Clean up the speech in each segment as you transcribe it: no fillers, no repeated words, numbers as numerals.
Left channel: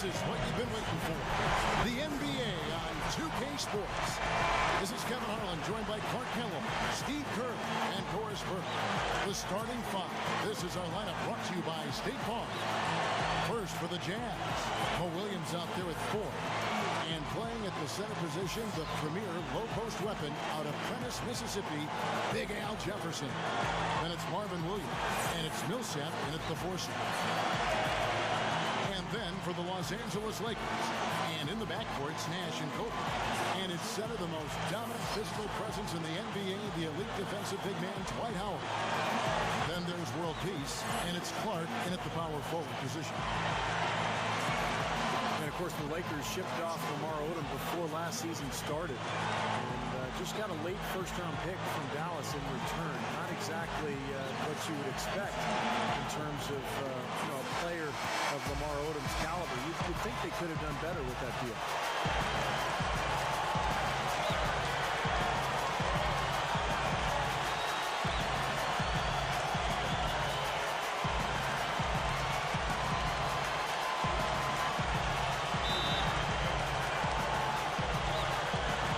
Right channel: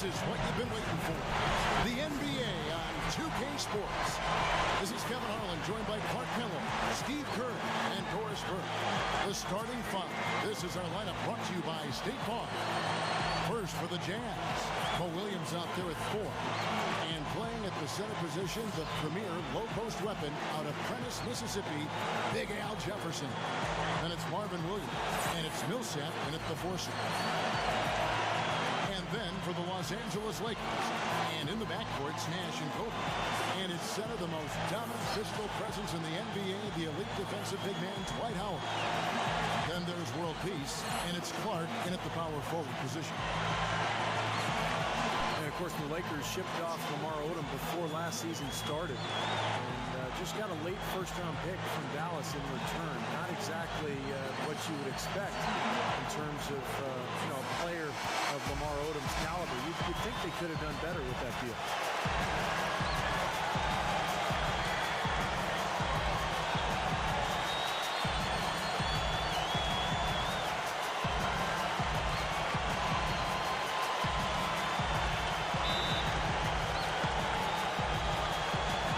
This is what you've been waiting for. The NBA on 2K Sports. This is Kevin Harlan, joined by Clark Kellogg, Steve Kerr, and Doris Burke. The starting five. This is our lineup brought to you by State Farm. First for the Jazz, Mo Williams out there with 4. And playing at the center position, the premier low-post weapon out of Prentice, Mississippi, Big Al Jefferson. Then it's Marvin Williams, and it's Millsap in at the 4 slot. And then for the Los Angeles Lakers, and in the backcourt, it's Nash and Kobe. And it's center, the most dominant physical presence in the NBA, the elite defensive big man, Dwight Howard. Then there's world peace, and it's Clark in at the power forward position. And, of course, the Lakers shipped off Lamar Odom before last season started. And just got a late first-round pick from Dallas in return. Not exactly what you would expect in terms of a player of Lamar Odom's caliber. You'd think they could have done better with that deal.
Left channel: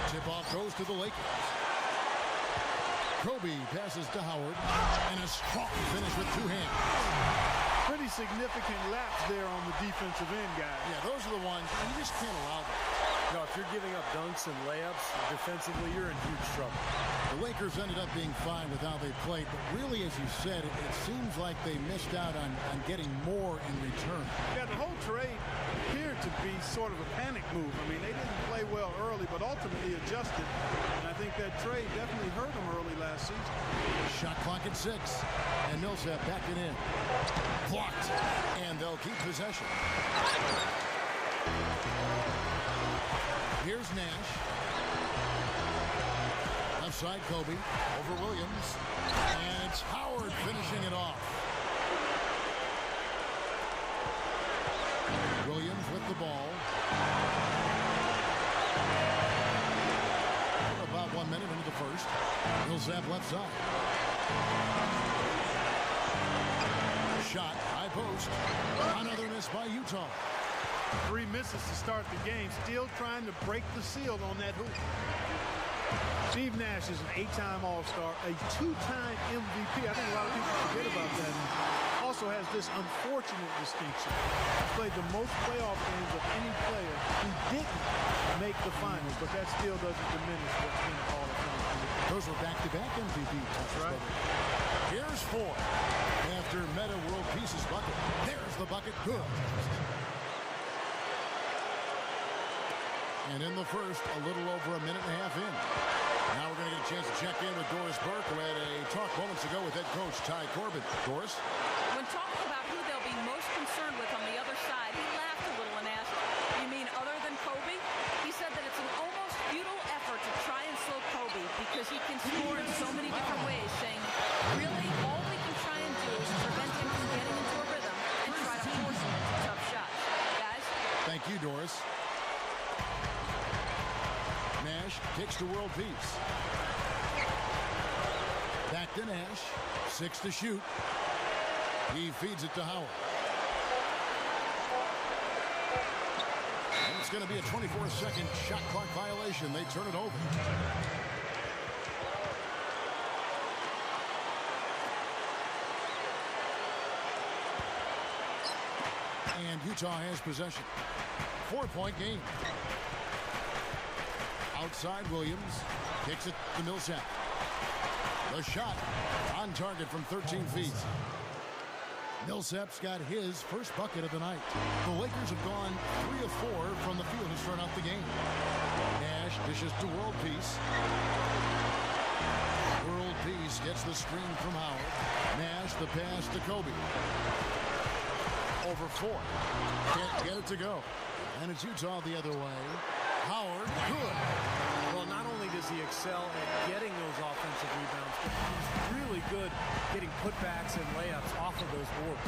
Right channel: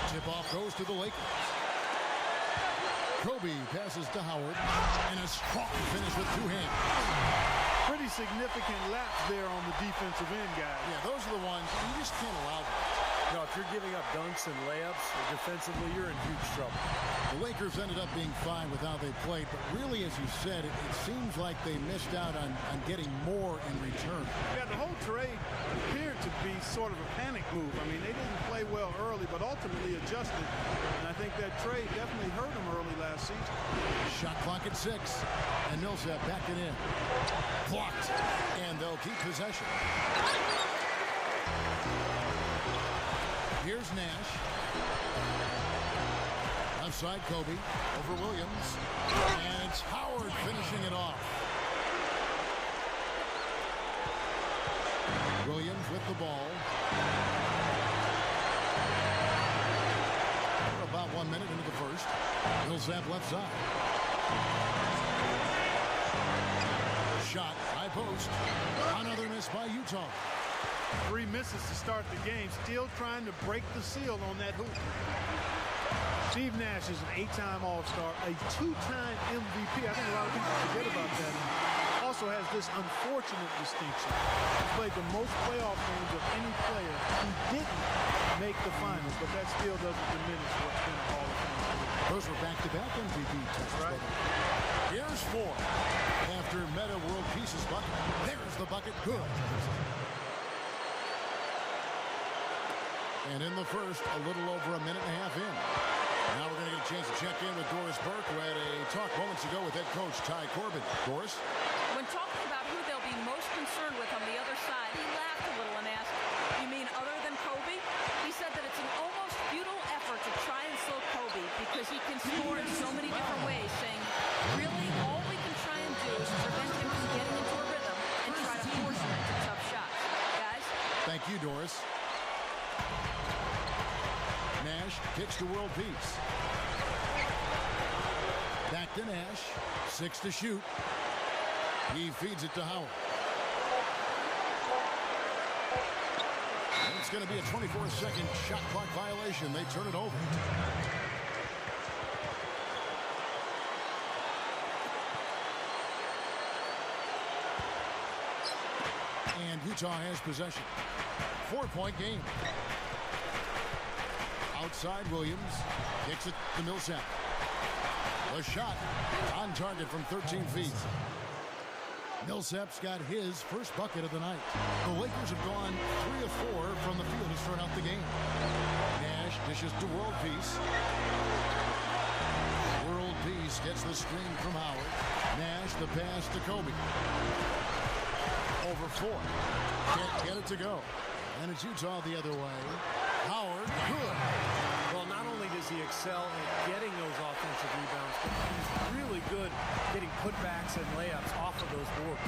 Tip-off goes to the Lakers. Kobe passes to Howard, and a strong finish with 2 hands. Pretty significant laps there on the defensive end, guys. Yeah, those are the ones you just can't allow that. No, if you're giving up dunks and layups defensively, you're in huge trouble. The Lakers ended up being fine with how they played, but really, as you said, it seems like they missed out on getting more in return. Yeah, the whole trade appeared to be sort of a panic move. I mean, they didn't play well early, but ultimately adjusted. And I think that trade definitely hurt them early last season. Shot clock at 6, and Millsap backing in. Blocked, and they'll keep possession. Here's Nash. Left side, Kobe over Williams. And it's Howard finishing it off. Williams with the ball. We're about 1 minute into the first. Millsap left side. Shot, high post. Another miss by Utah. 3 misses to start the game. Still trying to break the seal on that hoop. Steve Nash is an 8-time All-Star, a 2-time MVP. I think a lot of people forget about that. Also has this unfortunate distinction. He's played the most playoff games of any player who didn't make the finals, but that still doesn't diminish what's been a Hall of Fame career. Those were back-to-back MVP tests. Right. Here's 4. After Meta World Peace's bucket. There's the bucket. Good. And in the first, a little over a minute and a half in. Now we're going to get a chance to check in with Doris Burke, who had a talk moments ago with head coach Ty Corbin. Doris? When talking about who they'll be most concerned with on the other side, he laughed a little and asked, "You mean other than Kobe?" He said that it's an almost futile effort to try and slow Kobe because he can score in so many different ways, saying, really, all we can try and do is prevent him from getting into a rhythm and try to force him into tough shots. Guys? Thank you, Doris. Nash kicks to world peace. Back to Nash. 6 to shoot. He feeds it to Howard. And it's going to be a 24-second shot clock violation. They turn it over. And Utah has possession. 4-point game. Outside, Williams kicks it to Millsap. The shot on target from 13 feet. Millsap's got his first bucket of the night. The Lakers have gone 3 of 4 from the field to start out the game. Nash dishes to World Peace. World Peace gets the screen from Howard. Nash the pass to Kobe. Over 4. Can't get it to go. And it's Utah the other way. Howard, good. Well, not only does he excel at getting those offensive rebounds, but he's really good getting putbacks and layups off of those boards.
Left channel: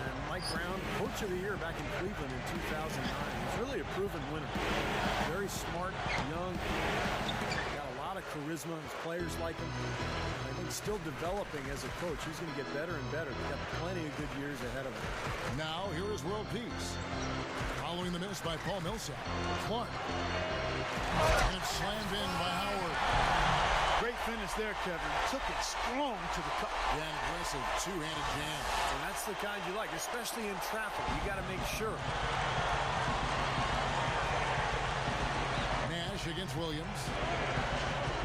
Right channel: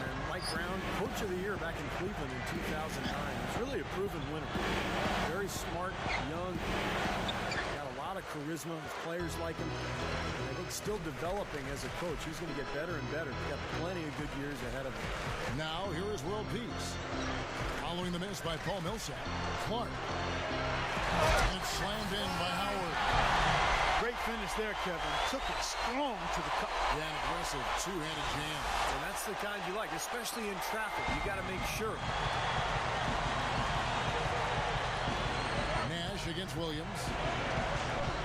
And Mike Brown, Coach of the Year back in Cleveland in 2009. He's really a proven winner. Very smart, young, got a lot lot of charisma. His players like him. And I think still developing as a coach. He's going to get better and better. He's got plenty of good years ahead of him. Now, here is world peace. Following the miss by Paul Millsap. Clark. And it's slammed in by Howard. Great finish there, Kevin. Took it strong to the cup. Yeah, an aggressive two-handed jam. And that's the kind you like, especially in traffic. You got to make sure. Nash against Williams.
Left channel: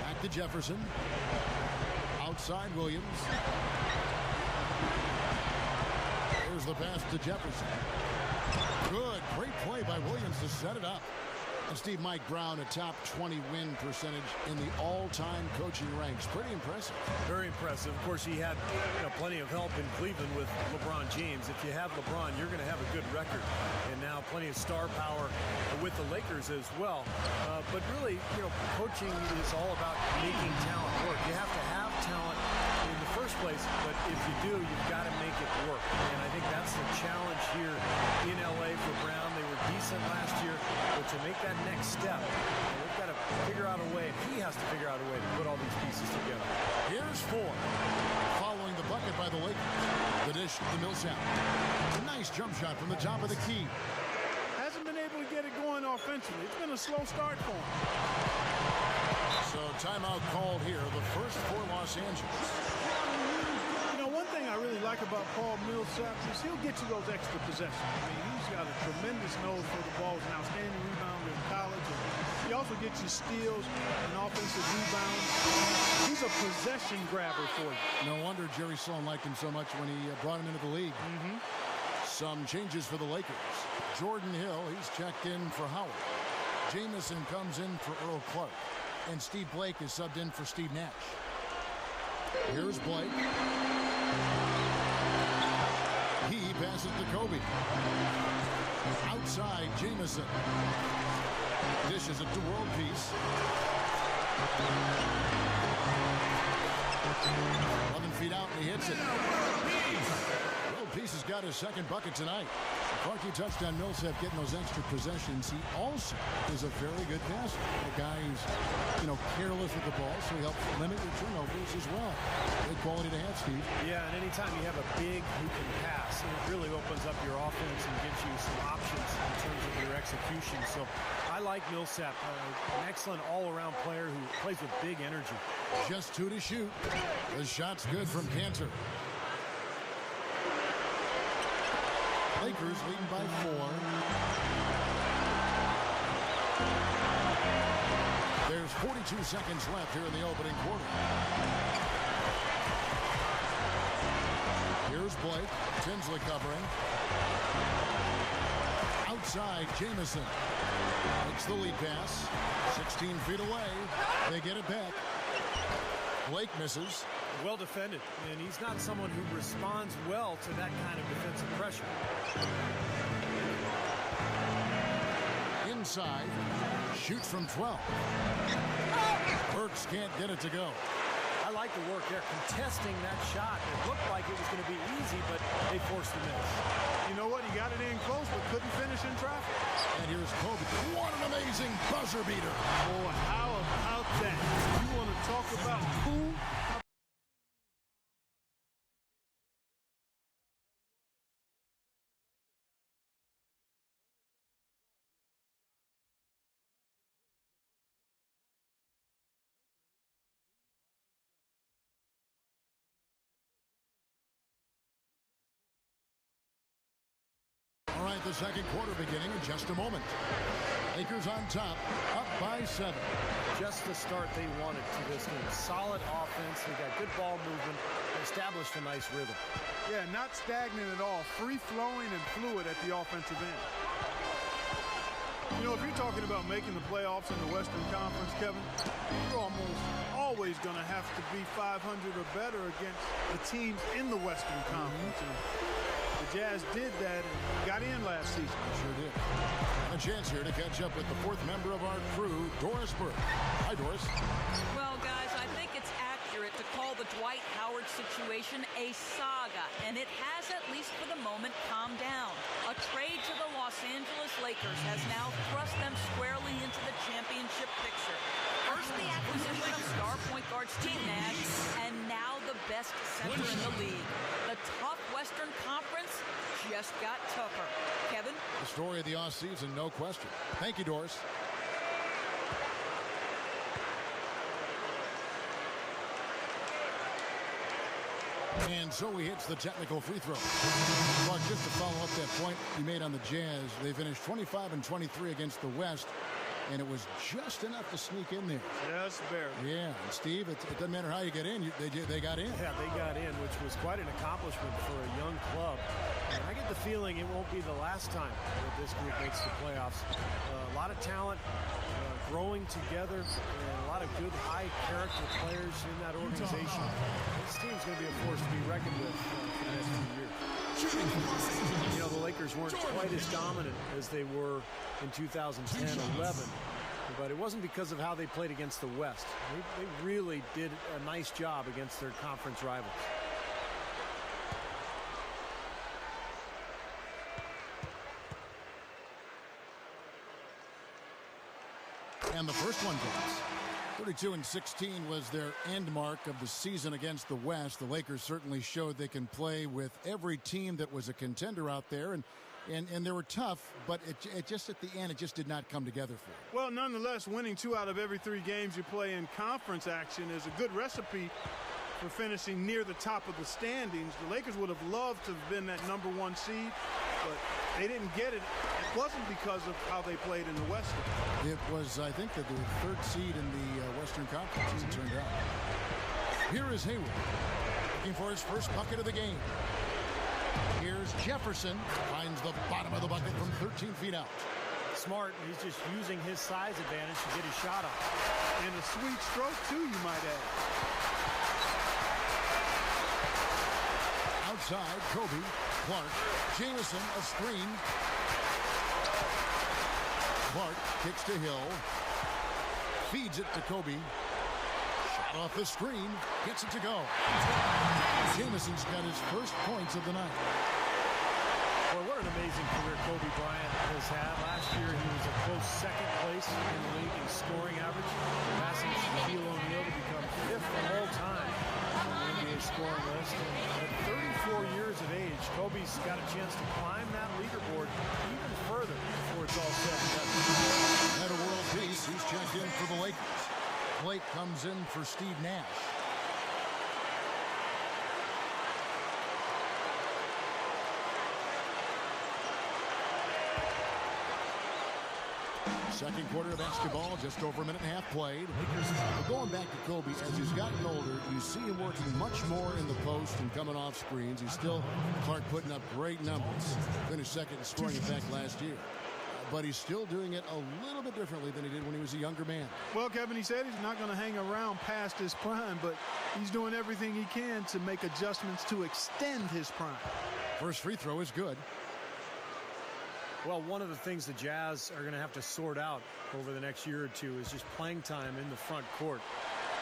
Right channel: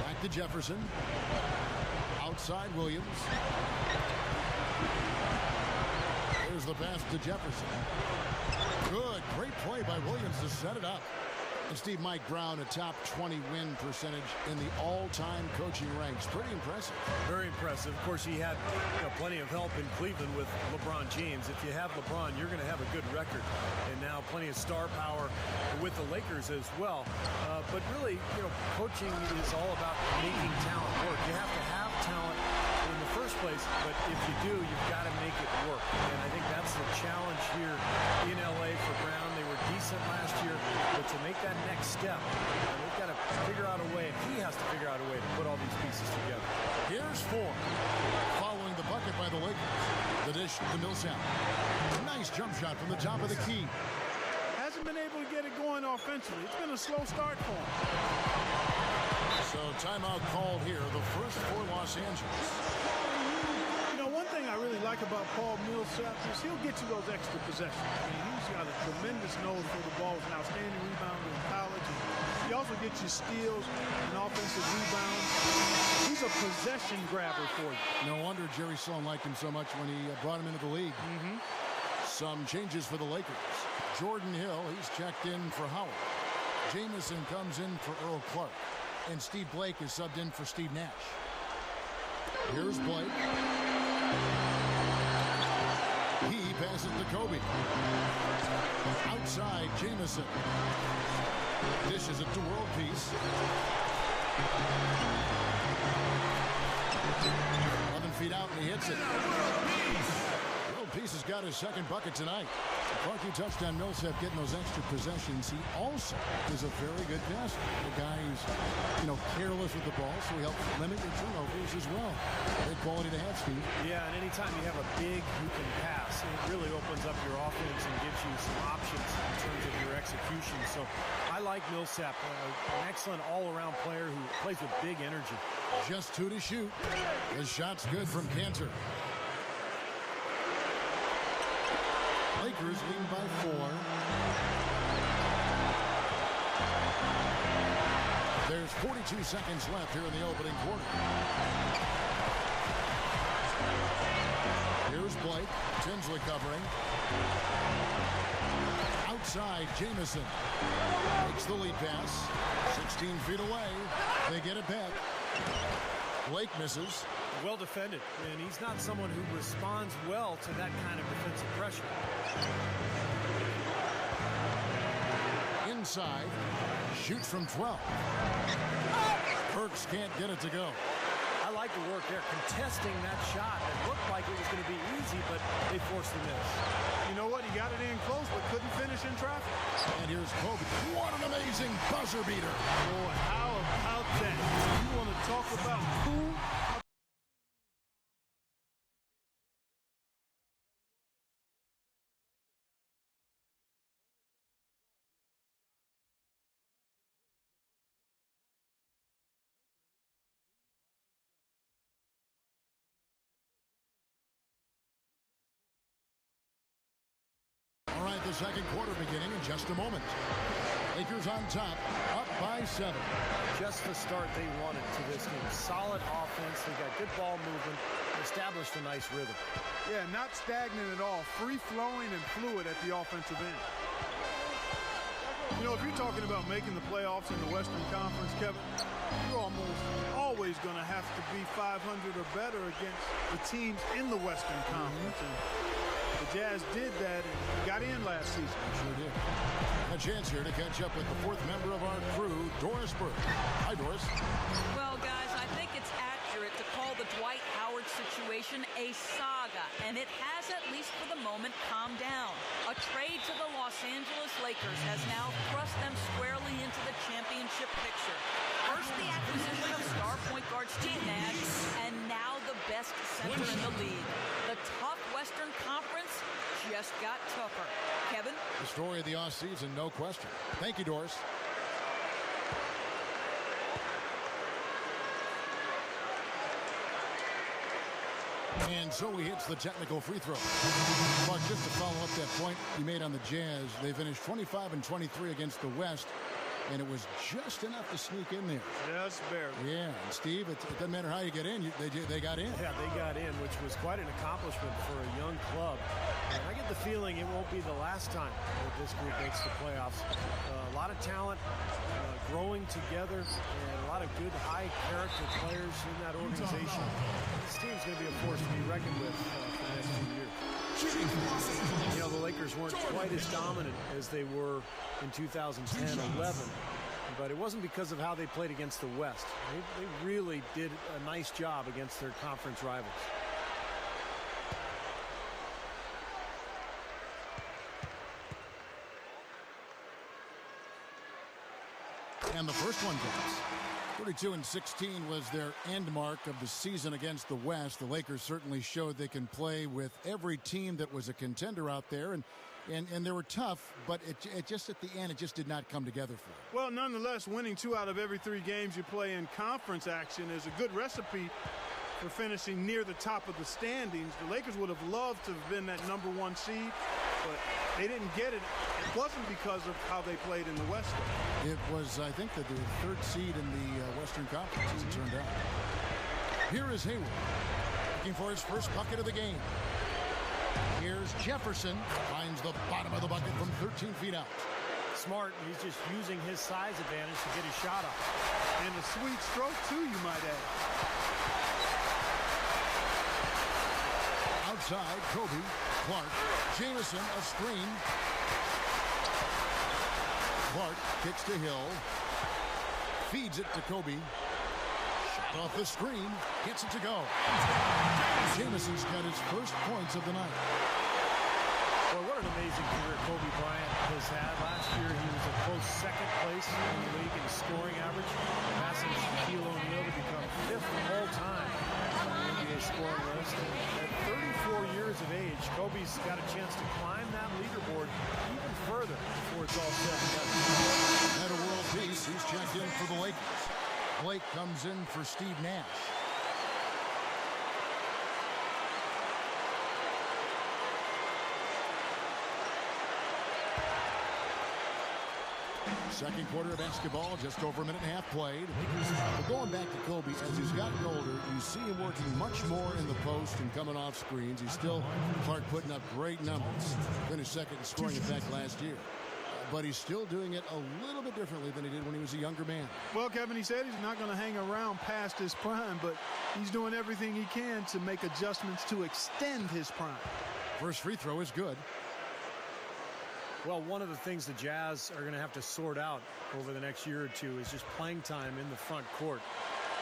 Back to Jefferson. Outside Williams. Here's the pass to Jefferson. Good, great play by Williams to set it up. And Steve, Mike Brown, a top 20 win percentage in the all-time coaching ranks. Pretty impressive. Very impressive. Of course, he had plenty of help in Cleveland with LeBron James. If you have LeBron, you're going to have a good record. And now plenty of star power with the Lakers as well. But really, coaching is all about making talent work. You have to have talent in the first place, but if you do, you've got to make it work. And I think that's the challenge here in LA for Brown. They were decent last year, but to make that next step, they've got to figure out a way, and he has to figure out a way to put all these pieces together. Here's 4. Following the bucket by the Lakers. The dish to Millsap. Nice jump shot from the top of the key. Hasn't been able to get it going offensively. It's been a slow start for him. So timeout called here, the first for Los Angeles. One thing I really like about Paul Millsap is he'll get you those extra possessions. I mean, he's got a tremendous nose for the ball. He's an outstanding rebounder in college. And he also gets you steals and offensive rebounds. He's a possession grabber for you. No wonder Jerry Sloan liked him so much when he brought him into the league. Some changes for the Lakers. Jordan Hill, he's checked in for Howard. Jamison comes in for Earl Clark. And Steve Blake is subbed in for Steve Nash. Here's Blake. He passes to Kobe. Outside, Jamison. Dishes it to World Peace. 11 feet out, and he hits it. World Peace has got his second bucket tonight. Clark, you touched on Millsap getting those extra possessions. He also is a very good passer. A guy who's, careless with the ball, so he helps limit your turnovers as well. Big quality to have, Steve. Yeah, and anytime you have a big who can pass, it really opens up your offense and gives you some options in terms of your execution. So I like Millsap, an excellent all-around player who plays with big energy. Just 2 to shoot. The shot's good from Cantor. Lakers leading by 4. There's 42 seconds left here in the opening quarter. Here's Blake. Tinsley covering. Outside, Jamison makes the lead pass. 16 feet away. They get it back. Blake misses. Well defended, and he's not someone who responds well to that kind of defensive pressure. Inside, shoots from 12. Burks can't get it to go. I like the work there, contesting that shot that looked like it was going to be easy, but they forced the miss. You know what? He got it in close, but couldn't finish in traffic. And here's Kobe. What an amazing buzzer beater. Boy, how about that? You want to talk about cool? All right, the second quarter beginning in just a moment. Lakers on top, up by 7. Just the start they wanted to this game. Solid offense. They got good ball movement. They established a nice rhythm. Yeah, not stagnant at all. Free-flowing and fluid at the offensive end. If you're talking about making the playoffs in the Western Conference, Kevin, you're almost always going to have to be 500 or better against the teams in the Western Conference. And The Jazz did that and got in last season. They sure did. And a chance here to catch up with the fourth member of our crew, Doris Burke. Hi, Doris. Well, guys, I think it's accurate to call the Dwight Howard situation a saga, and it has, at least for the moment, calmed down. A trade to the Los Angeles Lakers has now thrust them squarely into the championship picture. First, the acquisition of star point guard Steve Nash, and now the best center in the league. The tough Western Conference just got tougher. Kevin? The story of the offseason, no question. Thank you, Doris. And so he hits the technical free throw. Clark, just to follow up that point you made on the Jazz, they finished 25-23 against the West, and it was just enough to sneak in there. Just barely. Yeah, and Steve, it doesn't matter how you get in, they got in. Yeah, they got in, which was quite an accomplishment for a young club. And I get the feeling it won't be the last time that this group makes the playoffs. A lot of talent growing together and a lot of good high-character players in that organization. This team's going to be a force to be reckoned with for the next few years. You know, the Lakers weren't quite as dominant as they were in 2010-11, but it wasn't because of how they played against the West. They really did a nice job against their conference rivals. And the first one goes. 32-16 was their end mark of the season against the West. The Lakers certainly showed they can play with every team that was a contender out there, and they were tough, but it just at the end, it just did not come together for them. Well, nonetheless, winning 2 out of every 3 games you play in conference action is a good recipe for finishing near the top of the standings. The Lakers would have loved to have been that #1 seed, but they didn't get it. It wasn't because of how they played in the West, though. It was, I think, that they were the 3rd seed in the Western Conference, as it turned out. Here is Hayward, looking for his first bucket of the game. Here's Jefferson, finds the bottom of the bucket from 13 feet out. Smart, he's just using his size advantage to get his shot off. And a sweet stroke, too, you might add. Outside, Kobe, Clark, Jamison, a screen. Clark kicks to Hill, feeds it to Kobe. Shot off the screen, gets it to go. Jamison's got his first points of the night. Boy, what an amazing career Kobe Bryant has had. Last year, he was a close 2nd place in the league in scoring average, passing Shaquille O'Neal to become 5th all time on the NBA scoring list. And at 34 years of age, Kobe's got a chance to climb that leaderboard even further before it's all said and done. At a world peace, he's checked in for the Lakers. Blake comes in for Steve Nash. Second quarter of basketball, just over a minute and a half played. But going back to Kobe, as he's gotten older, you see him working much more in the post and coming off screens. He's still, Clark, putting up great numbers. Finished 2nd in scoring, in fact, last year. But he's still doing it a little bit differently than he did when he was a younger man. Well, Kevin, he said he's not going to hang around past his prime, but he's doing everything he can to make adjustments to extend his prime. First free throw is good. Well, one of the things the Jazz are going to have to sort out over the next year or two is just playing time in the front court.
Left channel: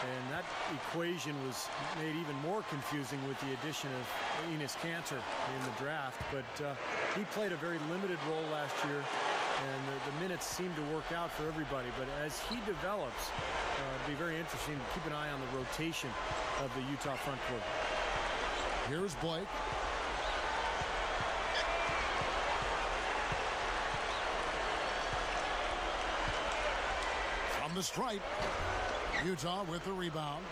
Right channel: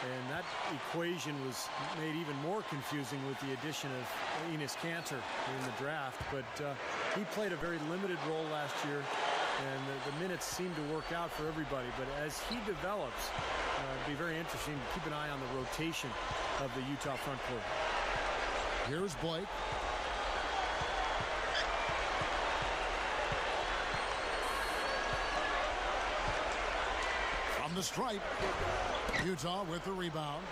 And that equation was made even more confusing with the addition of Enes Kanter in the draft. But he played a very limited role last year, and the minutes seemed to work out for everybody. But as he develops, it'd be very interesting to keep an eye on the rotation of the Utah front court. Here's Blake. From the stripe, Utah with the rebound.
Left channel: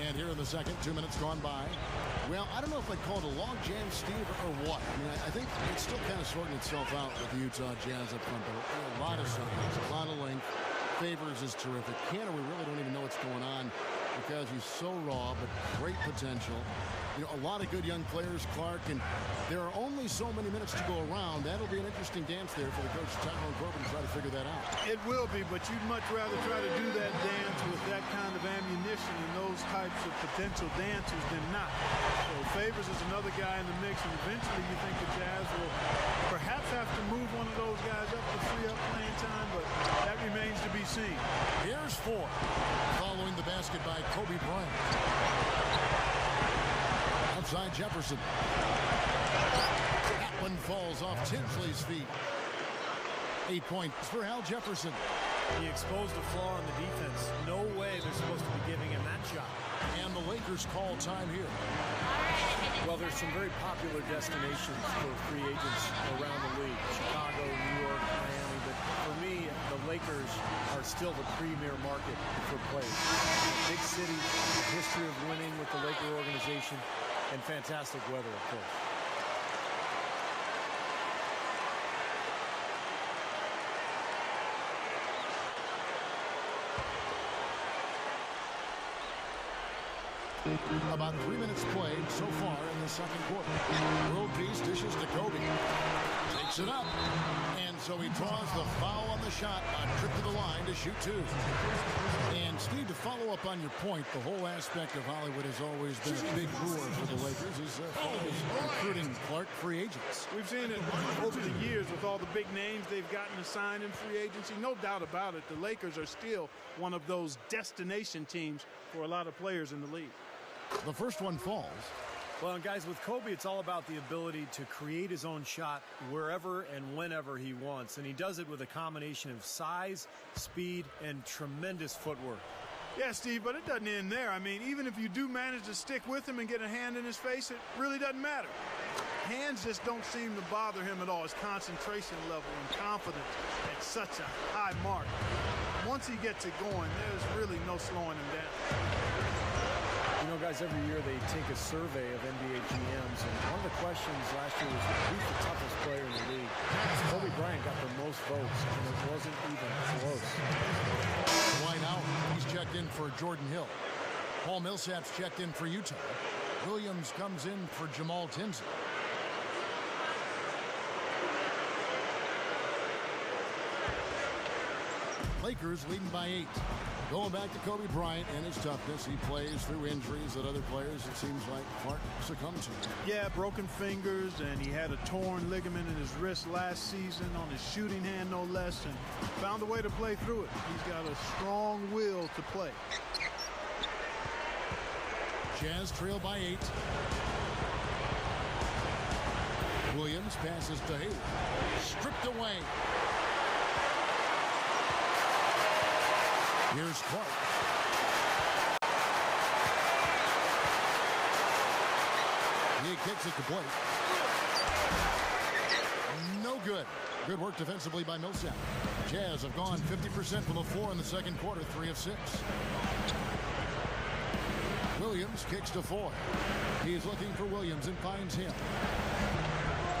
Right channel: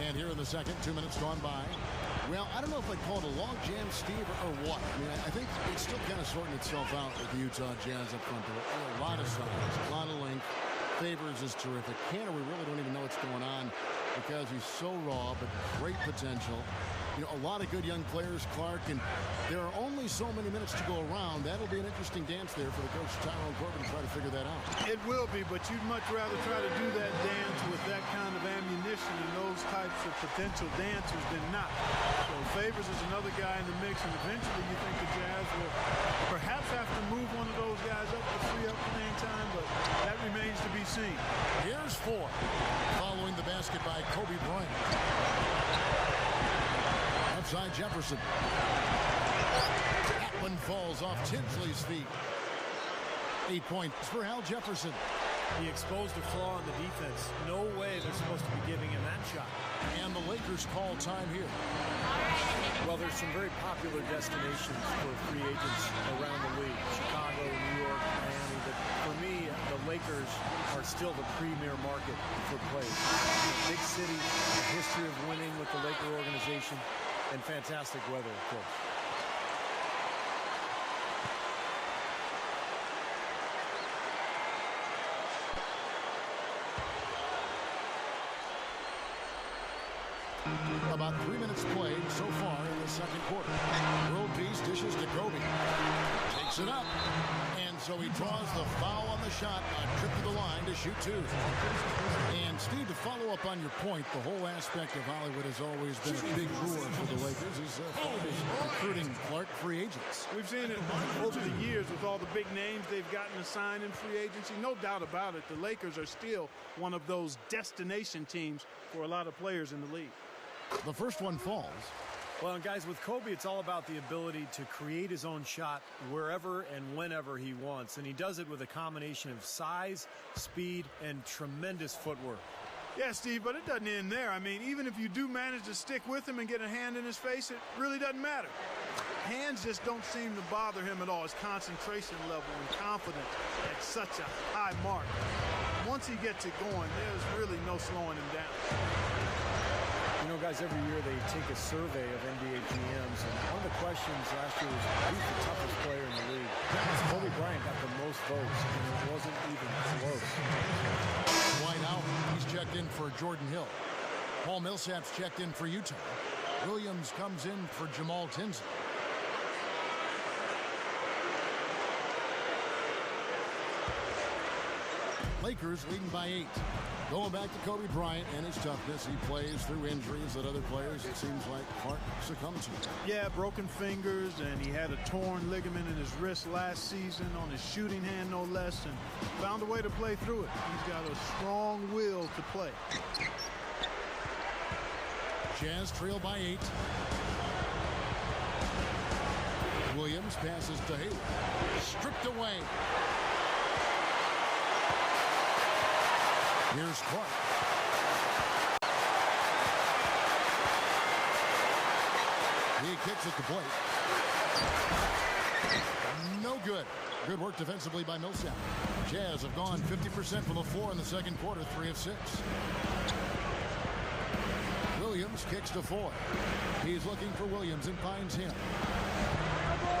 And here in the second, 2 minutes gone by. Well, I don't know if I'd call it a log jam, Steve, or what. I mean, I think it's still kind of sorting itself out with the Utah Jazz up front. There a lot of size, a lot of length. Favors is terrific. Kanter, we really don't even know what's going on because he's so raw, but great potential. You know, a lot of good young players, Clark, and there are only so many minutes to go around. That'll be an interesting dance there for the coach, Tyrone Corbin, to try to figure that out. It will be, but you'd much rather try to do that dance with that kind of ammunition and those types of potential dancers than not. So Favors is another guy in the mix, and eventually you think the Jazz will perhaps have to move one of those guys up to free up playing time, but that remains to be seen. Here's Ford, following the basket by Kobe Bryant. Outside Jefferson. That one falls off Tinsley's feet. 8 points for Al Jefferson. He exposed a flaw in the defense. No way they're supposed to be giving him that shot. And the Lakers call time here. Well, there's some very popular destinations for free agents around the league. Chicago, New York, Miami. But for me, the Lakers are still the premier market for players. Big city, a history of winning with the Laker organization, and fantastic weather, of course. About 3 minutes played so far in the second quarter. World Peace dishes to Kobe. Takes it up. And so he draws the foul on the shot. A trip to the line to shoot two. And Steve, to follow up on your point, the whole aspect of Hollywood has always been a big lure for the Lakers is recruiting Clark free agents. We've seen it over the years with all the big names they've gotten to sign in free agency. No doubt about it, the Lakers are still one of those destination teams for a lot of players in the league. The first one falls. Well, and guys, with Kobe, it's all about the ability to create his own shot wherever and whenever he wants. And he does it with a combination of size, speed, and tremendous footwork. Yeah, Steve, but it doesn't end there. I mean, even if you do manage to stick with him and get a hand in his face, it really doesn't matter. Hands just don't seem to bother him at all. His concentration level and confidence at such a high mark. Once he gets it going, there's really no slowing him down. You know, guys, every year they take a survey of NBA GMs, and one of the questions last year was who's the toughest player in the league. Kobe Bryant got the most votes, and it wasn't even close. White out. He's checked in for Jordan Hill. Paul Millsap's checked in for Utah. Williams comes in for Jamal Tinsley. Lakers leading by 8. Going back to Kobe Bryant and his toughness, he plays through injuries that other players, it seems like, Clark succumbed to. Yeah, broken fingers, and he had a torn ligament in his wrist last season on his shooting hand, no less, and found a way to play through it. He's got a strong will to play. Jazz trail by 8. Williams passes to Hayward. Stripped away. Here's Clark. He kicks it to Blake. No good. Good work defensively by Millsap. Jazz have gone 50% from the floor in the second quarter, 3 of 6. Williams kicks to Foy. He's looking for Williams and finds him.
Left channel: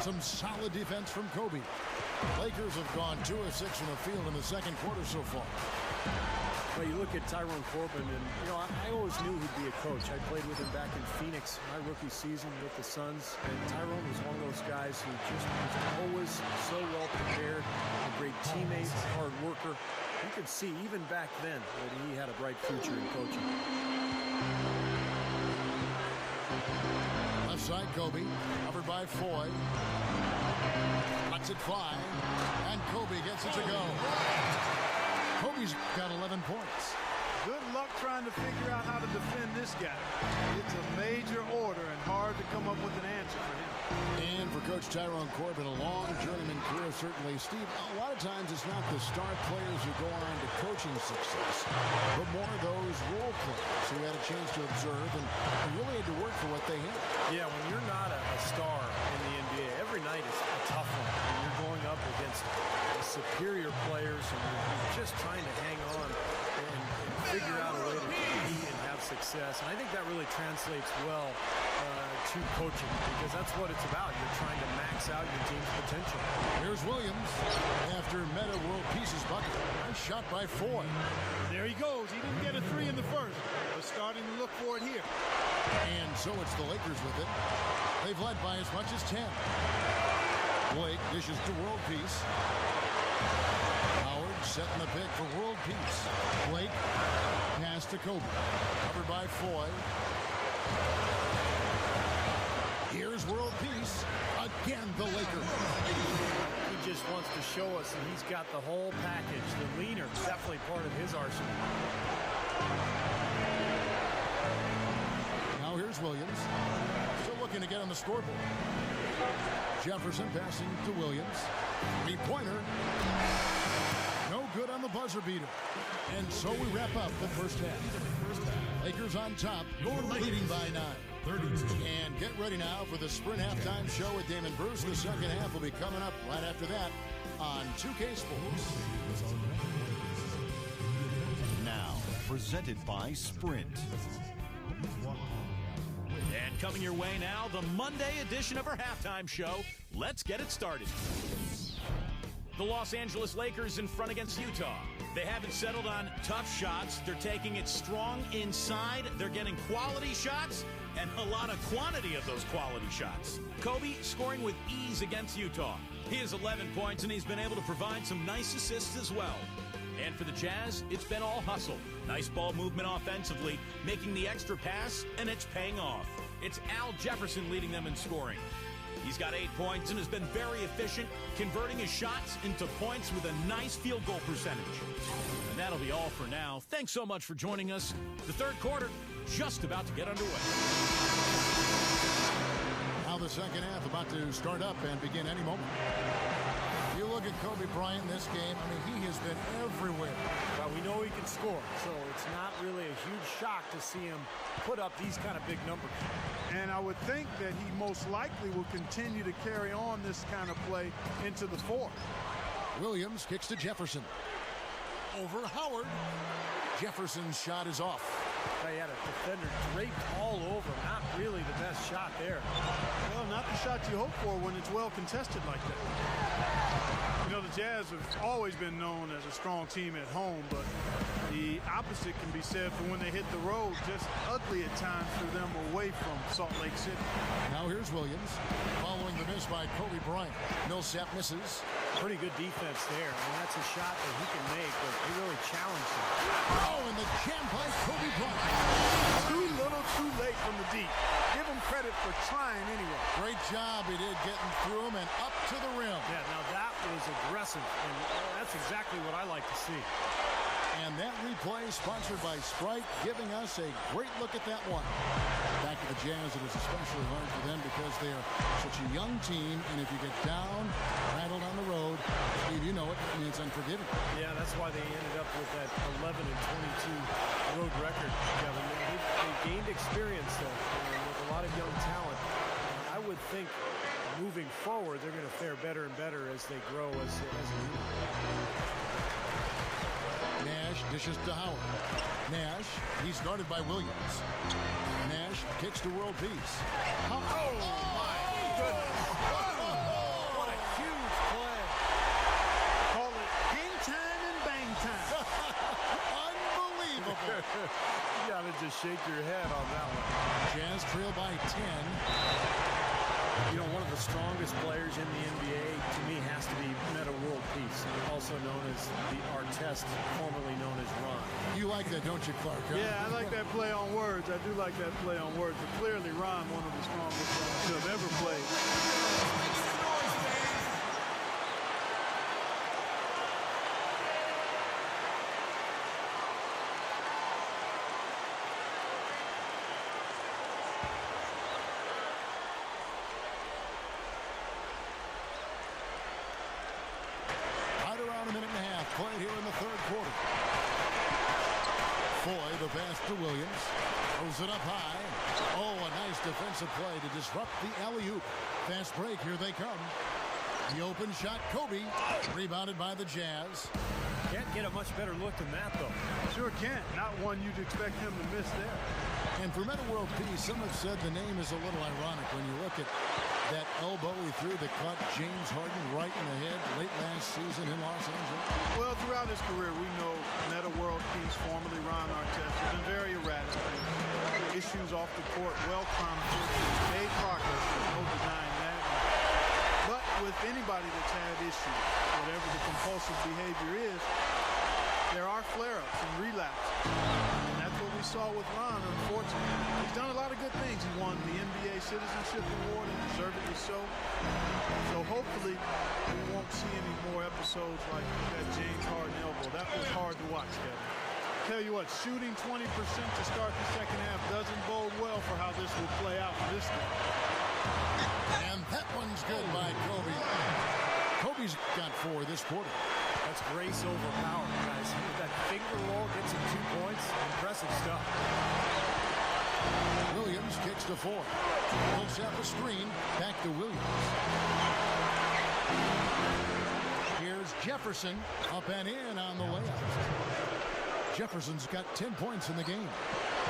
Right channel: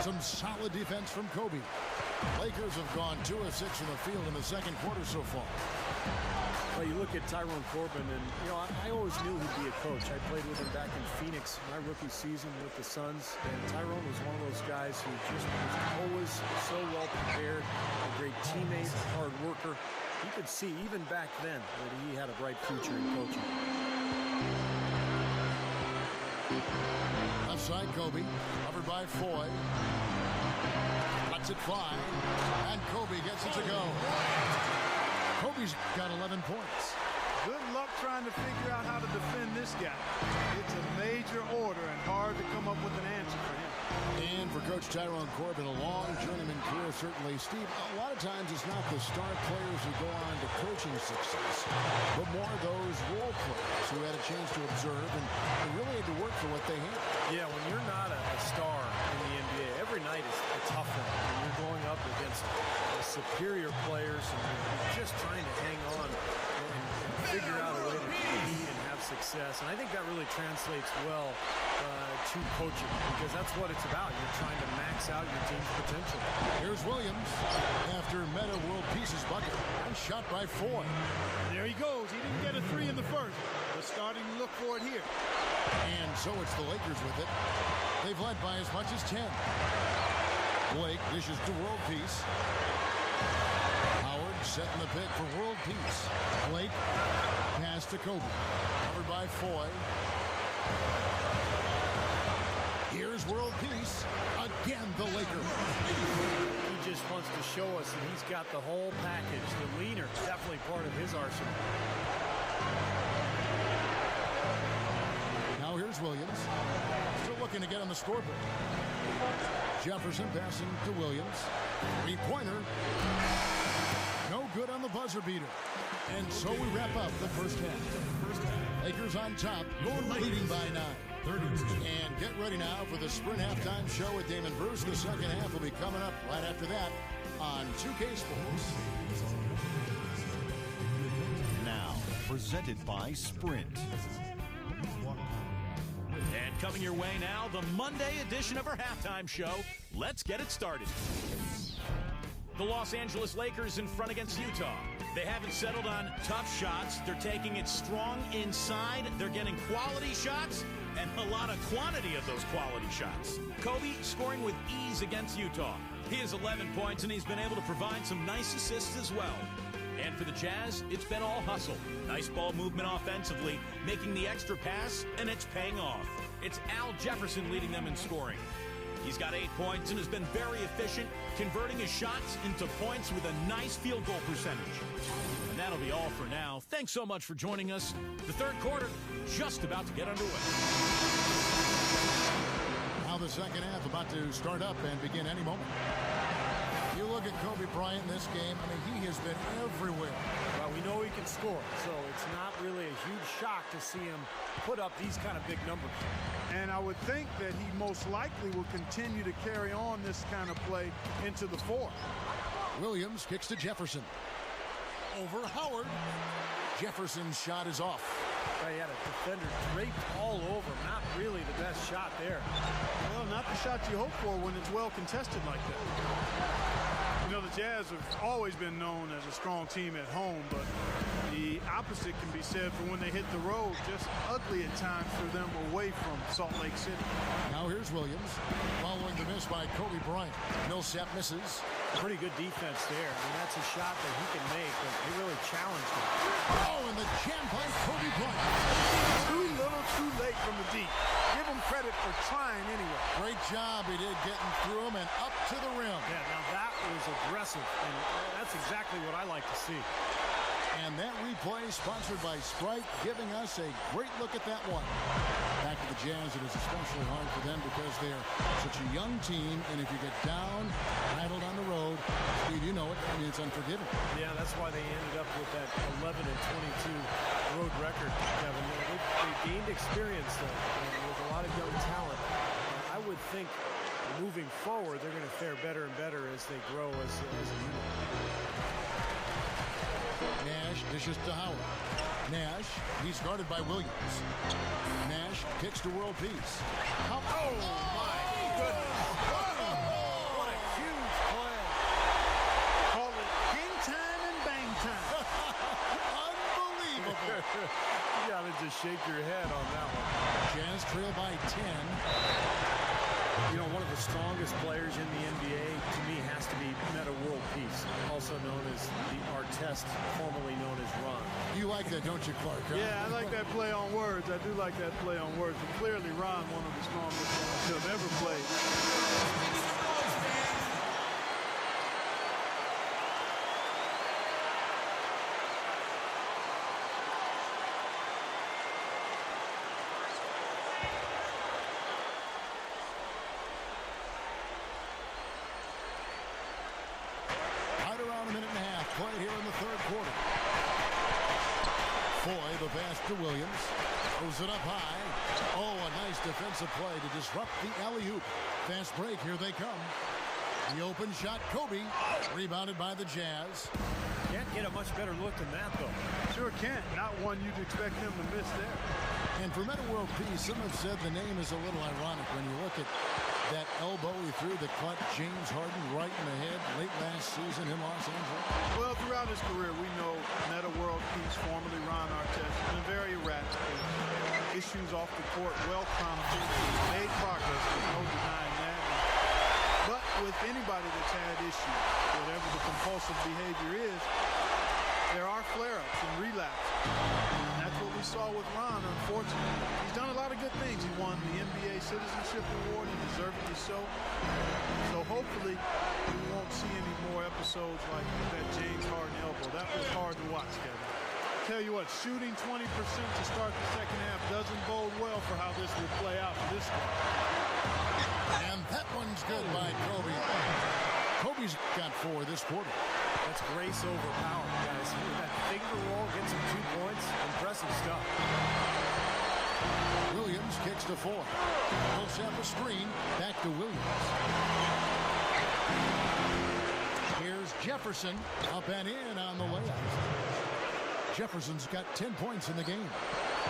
Some solid defense from Kobe. Lakers have gone 2 of 6 from the field in the second quarter so far. Well, you look at Tyrone Corbin, and, you know, I always knew he'd be a coach. I played with him back in Phoenix, my rookie season with the Suns, and Tyrone was one of those guys who just was always so well prepared, a great teammate, a hard worker. You could see, even back then, that he had a bright future in coaching. Left side, Kobe, covered by Foy. Lets it fly, and Kobe gets it to go. Kobe's got 11 points. Good luck trying to figure out how to defend this guy. It's a major order and hard to come up with an answer for him. And for Coach Tyrone Corbin, a long journeyman career, certainly. Steve, a lot of times it's not the star players who go on to coaching success, but more those role players who had a chance to observe and really had to work for what they had. Yeah, when you're not a star in the NBA, every night is a tough one. When you're going up against superior players and you're just trying to hang on and figure out a way to compete and have success. And I think that really translates well to coaching, because that's what it's about. You're trying to max out your team's potential. Here's Williams after Meta World Peace's bucket. Nice shot by Foy. There he goes. He didn't get a 3 in the first, but starting to look for it here. And so it's the Lakers with it. They've led by as much as 10. Blake dishes to World Peace. Howard setting the pick for World Peace. Blake pass to Kobe. Covered by Foy. Here's World Peace. Again, the Lakers. He just wants to show us that he's got the whole package. The leaner, definitely part of his arsenal. Now here's Williams. Still looking to get on the scoreboard. Jefferson passing to Williams. Three-pointer. No good on the buzzer beater. And so we wrap up the first half. Lakers on top, leading by 9. And get ready now for the Sprint halftime show with Damon Bruce. The second half will be coming up right after that on 2K Sports. Now, presented by Sprint. And coming your way now, the Monday edition of our halftime show. Let's get it started. The Los Angeles Lakers in front against Utah. They haven't settled on tough shots. They're taking it strong inside. They're getting quality shots and a lot of quantity of those quality shots. Kobe scoring with ease against Utah. He has 11 points, and he's been able to provide some nice assists as well. And for the Jazz, it's been all hustle. Nice ball movement offensively, making the extra pass, and it's paying off. It's Al Jefferson leading them in scoring. He's got 8 points and has been very efficient, converting his shots into points with a nice field goal percentage. And that'll be all for now. Thanks so much for joining us. The third quarter just about to get underway. Now the second half about to start up and begin any moment. You look at Kobe Bryant in this game, I mean, he has been everywhere. Well, we know he can score, so it's not really a huge shock to see him put up these kind of big numbers. And I would think that he most likely will continue to carry on this kind of play into the fourth. Williams kicks to Jefferson. Over Howard. Jefferson's shot is off. He had a defender draped all over him. Not really the best shot there. Well, not the shot you hope for when it's well contested like that. You know, the Jazz have always been known as a strong team at home, but the opposite can be said for when they hit the road. Just ugly at times for them away from Salt Lake City. Now here's Williams, following the miss by Kobe Bryant. Millsap misses. Pretty good defense there. I mean, that's a shot that he can make, but they really challenged him. Oh, and the jam by Kobe Bryant. Too little, too late from the deep. Give him credit for trying anyway. Great job he did getting through him and up to the rim. Yeah, now that was aggressive, and that's exactly what I like to see. And that replay sponsored by Sprite, giving us a great look at that one. Back to the Jazz, it is especially hard for them because they are such a young team, and if you get down, rattled on the road, Steve, you know it, I mean, it's unforgiving. Yeah, that's why they ended up with that 11-22 road record, Kevin. They gained experience, though, and with a lot of young talent. I would think moving forward, they're going to fare better and better as they grow as a unit. Nash dishes to Howard. Nash, he's guarded by Williams. Nash kicks to World Peace. Oh, my goodness. What a huge play. Call it hang time and bang time. Unbelievable. You got to just shake your head on that one. Jazz trail by 10. You know, one of the strongest players in the NBA, to me, has to be Meta World Peace, also known as the Artest, formerly known as Ron. You like that, don't you, Clark? Huh? Yeah, I like that play on words. I do like that play on words. But clearly, Ron, one of the strongest players to have ever played. Around a minute and a half played here in the third quarter. Foy, the pass to Williams. Throws it up high. Oh, a nice defensive play to disrupt the alley-oop. Fast break, here they come. The open shot, Kobe. Rebounded by the Jazz. Can't get a much better look than that, though. Sure can't. Not one you'd expect him to miss there. And for Meta World Peace, some have said the name is a little ironic when you look at That elbow he threw that caught James Harden right in the head late last season in Los Angeles? Well, throughout his career, we know Meta World Peace, formerly Ron Artest, has been very erratic. His issues off the court, well chronicled. He's made progress, there's no denying that. But with anybody that's had issues, whatever the compulsive behavior is, there are flare-ups and relapses. And that's what we saw with Ron, unfortunately. He's done a lot of good things. He won the NBA Citizenship Award, and deservedly so. So hopefully we won't see any more episodes like that James Harden elbow. That was hard to watch, Kevin. Tell you what, shooting 20% to start the second half doesn't bode well for how this will play out for this squad. And that one's good by Kobe. Kobe's got 4 this quarter. That's grace over power, guys. With that finger roll, gets him 2 points. Impressive stuff. Williams kicks to 4. He'll set the screen. Back to Williams. Here's Jefferson. Up and in on the layup. Jefferson's got 10 points in the game.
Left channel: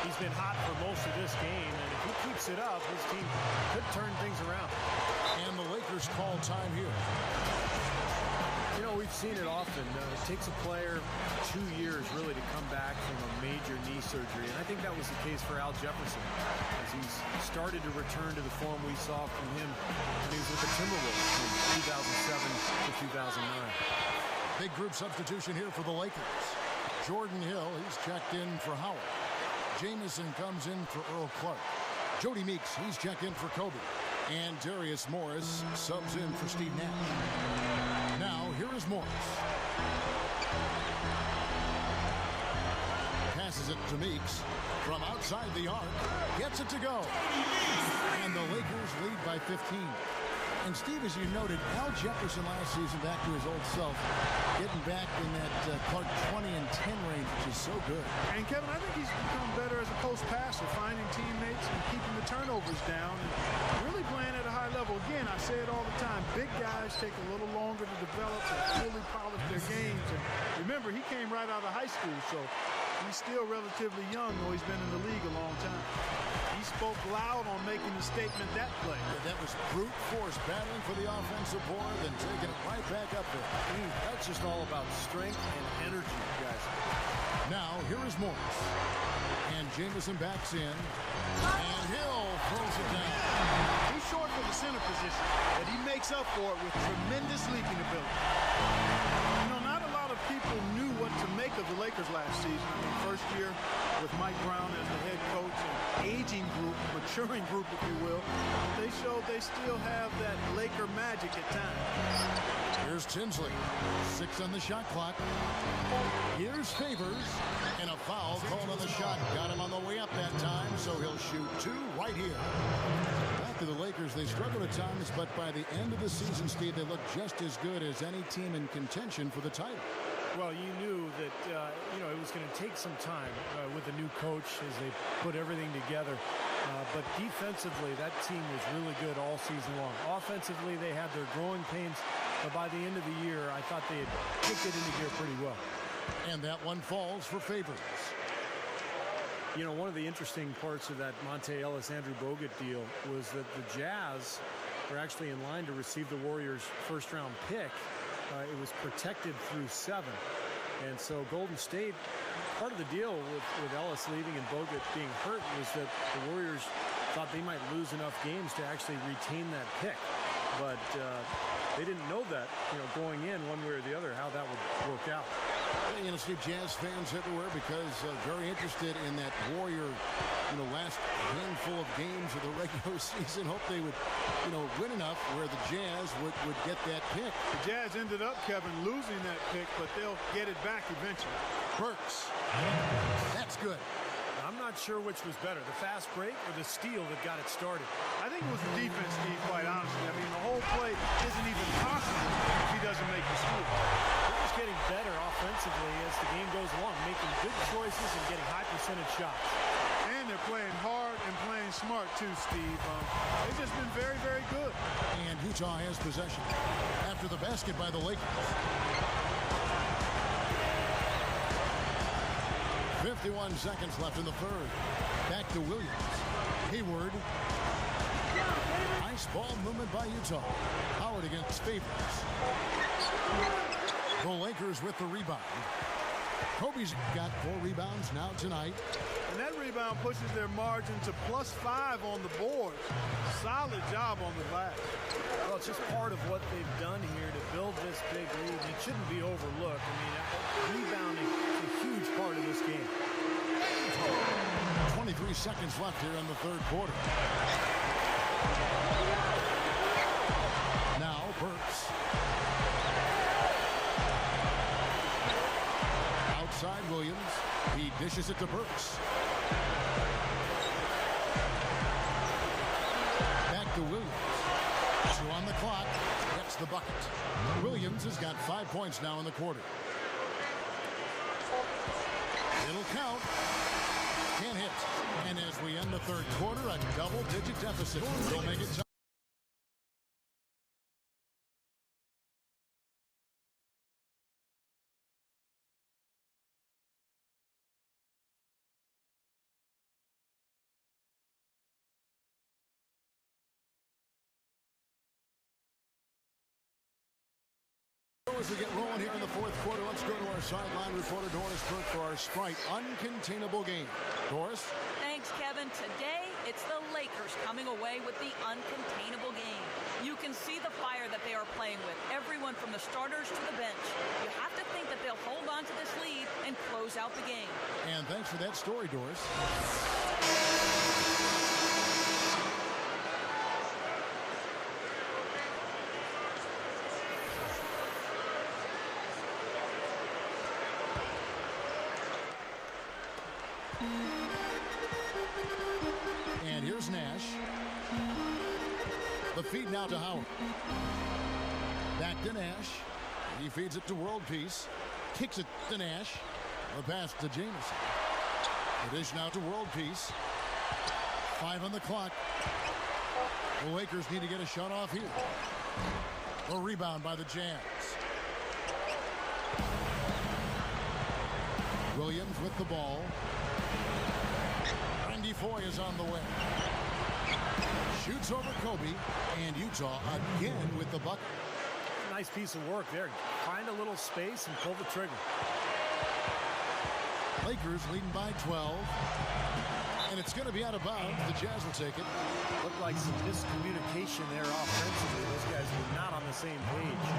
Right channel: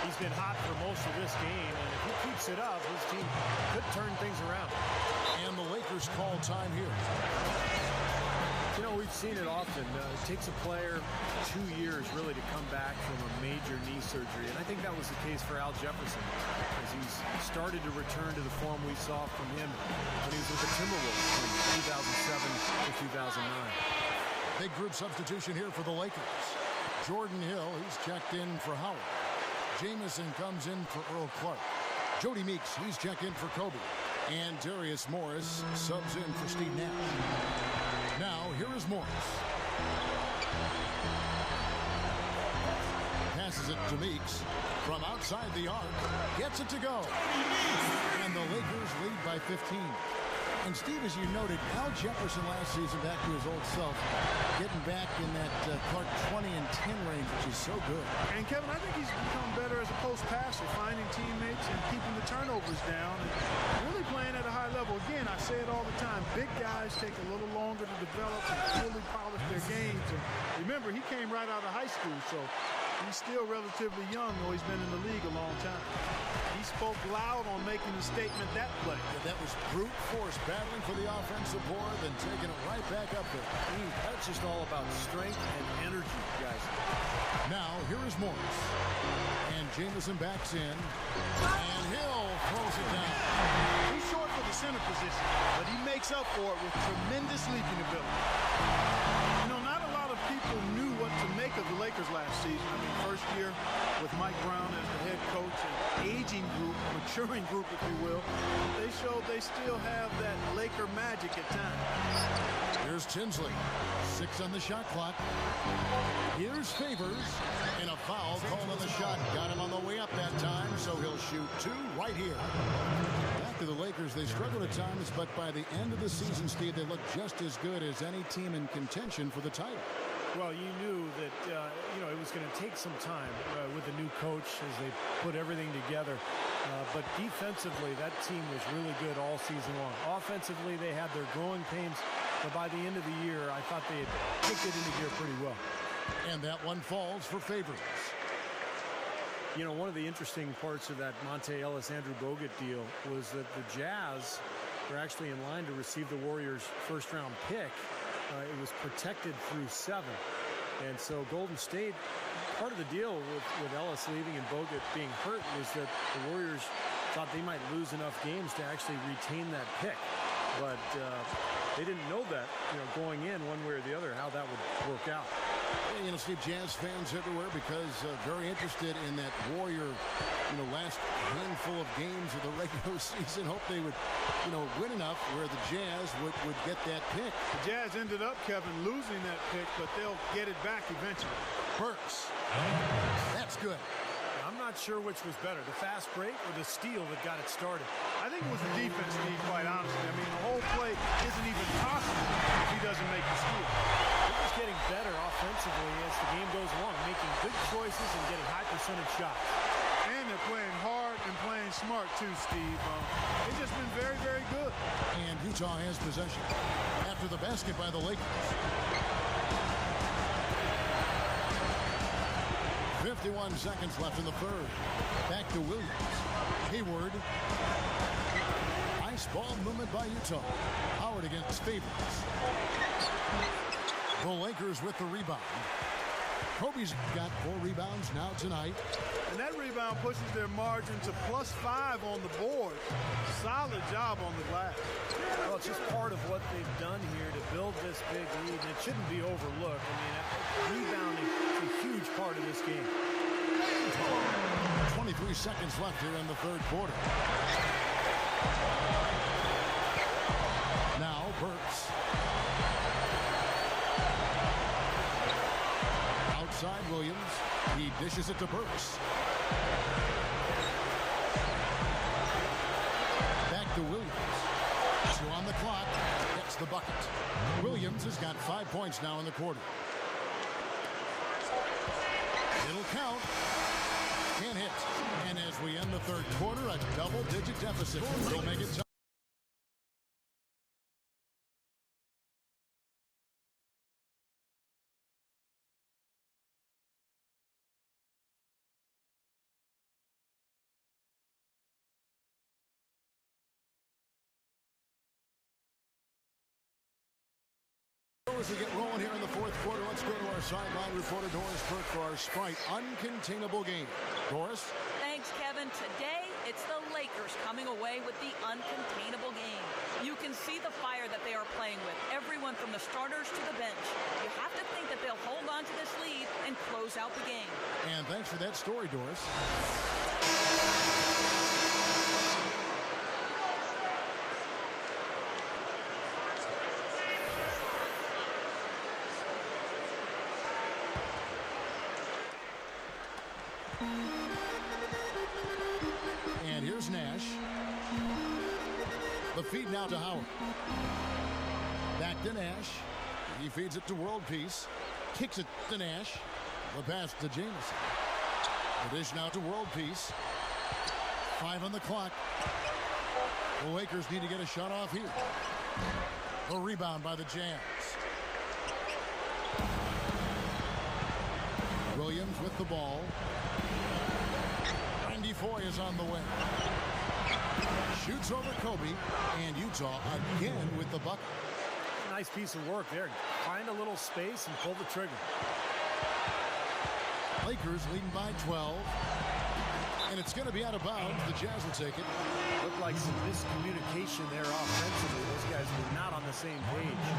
He's been hot for most of this game, and if he keeps it up, his team could turn things around. And the Lakers call time here. You know, we've seen it often. It takes a player 2 years really to come back from a major knee surgery, and I think that was the case for Al Jefferson, as he's started to return to the form we saw from him when he was with the Timberwolves from 2007 to 2009. Big group substitution here for the Lakers. Jordan Hill, he's checked in for Howard. Jamison comes in for Earl Clark. Jody Meeks, he's checked in for Kobe. And Darius Morris subs in for Steve Nash. Now, here is Morris. Passes it to Meeks. From outside the arc, gets it to go. And the Lakers lead by 15. And Steve, as you noted, Al Jefferson last season back to his old self, getting back in that Clark 20 and 10 range, which is so good. And Kevin, I think he's become better as a post passer, finding teammates and keeping the turnovers down and really playing at a high level. Again, I say it all the time, big guys take a little longer to develop and fully polish their games. And remember, he came right out of high school, so he's still relatively young, though he's been in the league a long time. He spoke loud on making the statement that play. Yeah, that was brute force, battling for the offensive board, then taking it right back up there. That's just all about strength and energy, guys. Now, here is Morris. And Jamison backs in. And Hill throws it down. He's short for the center position, but he makes up for it with tremendous leaping ability. You know, not a lot of people knew what to make of the Lakers last season. I mean, first year with Mike Brown as the head coach, an aging group, maturing group, if you will. They showed they still have that Laker magic at times. Here's Tinsley. 6 on the shot clock. Here's Favors. And a foul called on the shot. Got him on the way up that time, so he'll shoot 2 right here. Back to the Lakers. They struggled at times, but by the end of the season, Steve, they look just as good as any team in contention for the title. Well, you knew that, it was going to take some time with the new coach as they put everything together. But defensively, that team was really good all season long. Offensively, they had their growing pains. But by the end of the year, I thought they had kicked it into gear pretty well. And that one falls for Favors. You know, one of the interesting parts of that Monte Ellis-Andrew Bogut deal was that the Jazz were actually in line to receive the Warriors' first-round pick. It was protected through 7. And so Golden State, part of the deal with Ellis leaving and Bogut being hurt was that the Warriors thought they might lose enough games to actually retain that pick. But they didn't know that, going in one way or the other, how that would work out. Yeah, Steve, Jazz fans everywhere because very interested in that Warrior, last handful of games of the regular season. Hope they would, win enough where the Jazz would get that pick. The Jazz ended up, Kevin, losing that pick, but they'll get it back eventually. Burks. That's good. I'm not sure which was better, the fast break or the steal that got it started. I think it was the defense, Steve, quite honestly. I mean, the whole play isn't even possible if he doesn't make the steal. They're just getting better offensively as the game goes along, making good choices and getting high percentage shots. And they're playing hard and playing smart, too, Steve. They've just been very, very good. And Utah has possession after the basket by the Lakers. 51 seconds left in the third. Back to Williams. Hayward. Nice ball movement by Utah. Howard against Favors. The Lakers with the rebound. Kobe's got 4 rebounds now tonight. And that rebound pushes their margin to +5 on the board. Solid job on the glass. Well, it's just part of what they've done here to build this big lead, and it shouldn't be overlooked. I mean, rebounding is a huge part of this game. 23 seconds left here in the third quarter. Now Burks. Outside Williams. He dishes it to Burks. Back to Williams. 2 on the clock. Gets the bucket. Williams has got 5 points now in the quarter. It'll count. Can't hit. And as we end the third quarter, a double-digit deficit. Will make it tough. As we get rolling here in the fourth quarter, let's go to our sideline reporter, Doris Burke, for our Sprite Uncontainable game. Doris? Thanks, Kevin. Today, it's the Lakers coming away with the uncontainable game. You can see the fire that they are playing with, everyone from the starters to the bench. You have to think that they'll hold on to this lead and close out the game. And thanks for that story, Doris. And here's Nash. The feed now to Howard. Back to Nash. He feeds it to World Peace. Kicks it to Nash. The pass to Jamison. The dish now to World Peace. 5 on the clock. The Lakers need to get a shot off here. The rebound by the Jazz. Williams with the ball. Randy Foye is on the way. Shoots over Kobe, and Utah again with the bucket. Nice piece of work there. Find a little space and pull the trigger. Lakers leading by 12. And it's going to be out of bounds. The Jazz will take it. Looked like some miscommunication there offensively. Those guys were not on the same page.